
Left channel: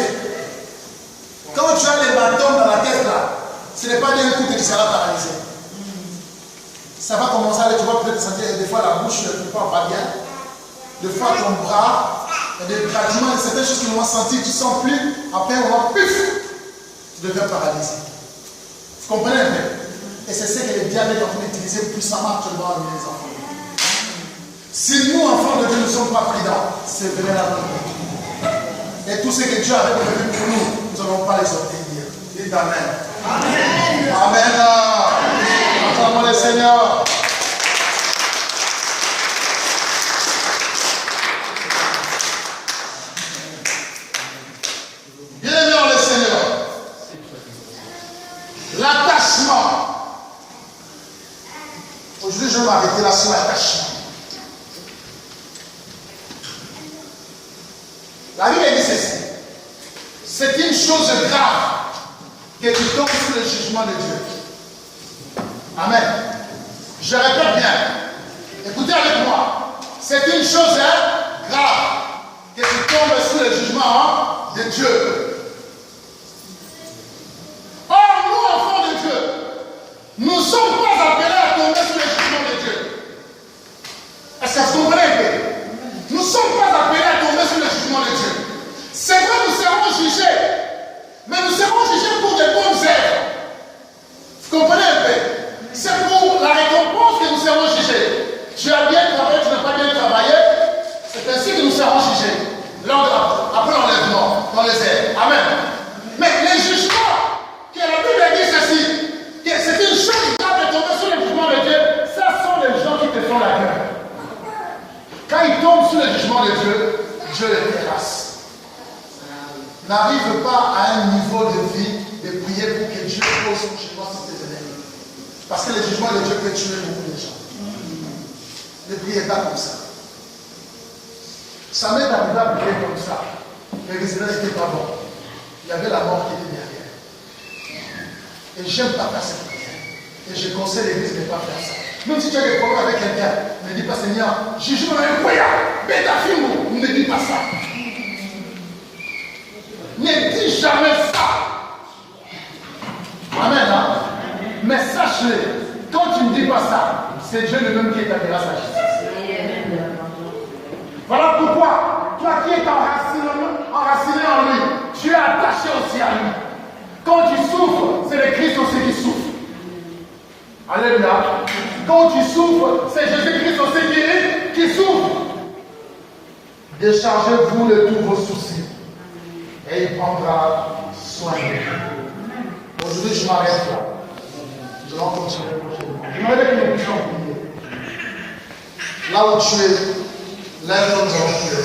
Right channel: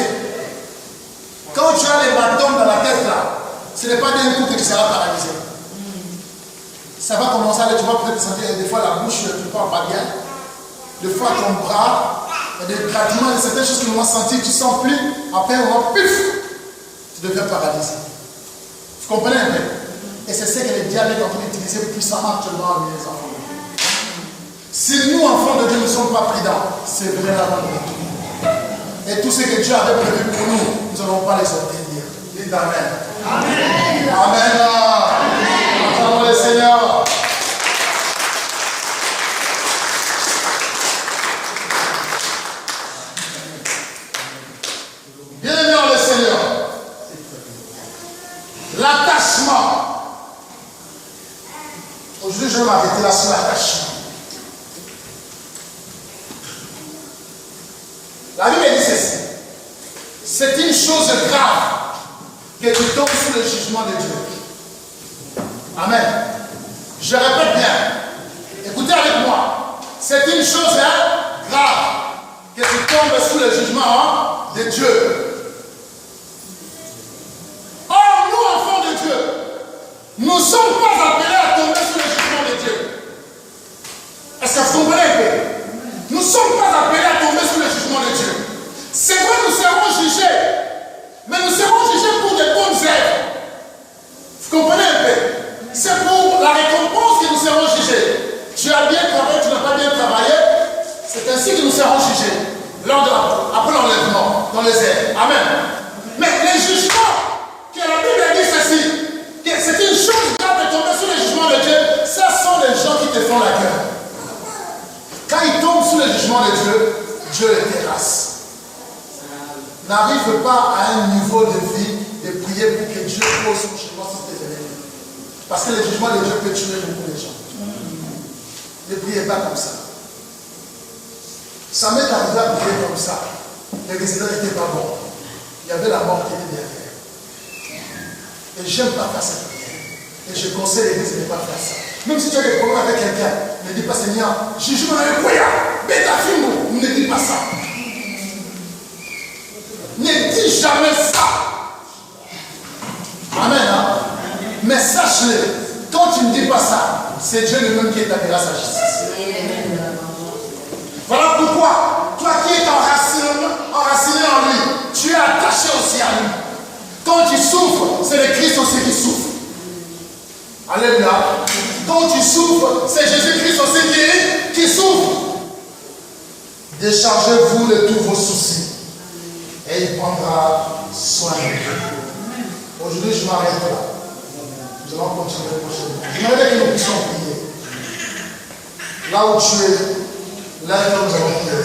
Quand tu as les bâtons dans la tête là, ce n'est pas d'un coup que tu seras paralysé. Ça va commencer à aller, tu vas peut-être sentir des fois la bouche, tu ne parles pas bien. Des fois ton bras, il y a des grattements, il y a certaines choses que tu vas sentir, tu ne sens plus. Après un moment, pif, tu deviens paralysé. Vous comprenez un peu? Et c'est ce que le diable est en train d'utiliser puissamment actuellement avec les enfants. Si nous, enfants de Dieu, ne sommes pas prudents, c'est venir là-bas. Et tout ce que Dieu avait prévu pour nous, nous n'allons pas les obtenir. Dites Amen. Amen. Amen. Acclamons le Seigneur. Bien-aimés dans le Seigneur, l'attachement. Aujourd'hui, je vais m'arrêter là sur l'attachement. La Bible dit ceci. C'est une chose grave que tu tombes sous le jugement de Dieu. Amen. Je répète bien. Écoutez avec moi. C'est une chose grave que tu tombes sous le jugement de Dieu. Or, nous, enfants de Dieu, nous ne sommes pas appelés à tomber sous le jugement de Dieu. Est-ce que vous comprenez un peu? Nous ne sommes pas appelés à tomber sous le jugement de Dieu. C'est vrai, nous serons jugés. Mais nous serons jugés pour des bonnes œuvres. Vous comprenez un peu? C'est pour la récompense que nous serons jugés. Tu as bien travaillé, tu n'as pas bien travaillé. C'est ainsi que nous serons jugés. Après l'enlèvement, dans les airs. Amen. Mais les jugements, que la Bible dit ceci, que c'est une chose grave de tomber sous le jugement de Dieu, ça sont les gens qui te font la gueule. Quand ils tombent sous le jugement de Dieu, Dieu les terrasse. N'arrive pas à un niveau de vie de prier pour que Dieu pose son jugement sur tes ennemis. Parce que le jugement de Dieu peut tuer beaucoup de gens. Ne priez pas comme ça. Ça m'est arrivé à prier comme ça. Les résidents n'étaient pas bons. Il y avait la mort qui était derrière. Et j'aime pas faire cette prière. Et je conseille l'église de ne pas faire ça. Même si tu as des problèmes avec quelqu'un, ne dis pas Seigneur, Jésus m'a un foyer, bête à film, ne dis pas ça. Ne dis jamais ça. Amen. Hein? Mais sache-le, quand tu ne dis pas ça, c'est Dieu lui-même qui établira sa justice. Voilà pourquoi, toi qui es enraciné en lui, tu es attaché aussi à lui. Quand tu souffres, c'est le Christ aussi qui souffre. Alléluia. Quand tu souffres, c'est Jésus-Christ aussi qui souffre. Déchargez-vous de tous vos soucis. Et il prendra soin de vous. Aujourd'hui, je m'arrête là. Nous allons continuer prochainement. J'aimerais que nous puissions prier. Là où tu es, lève-toi, nous allons prier.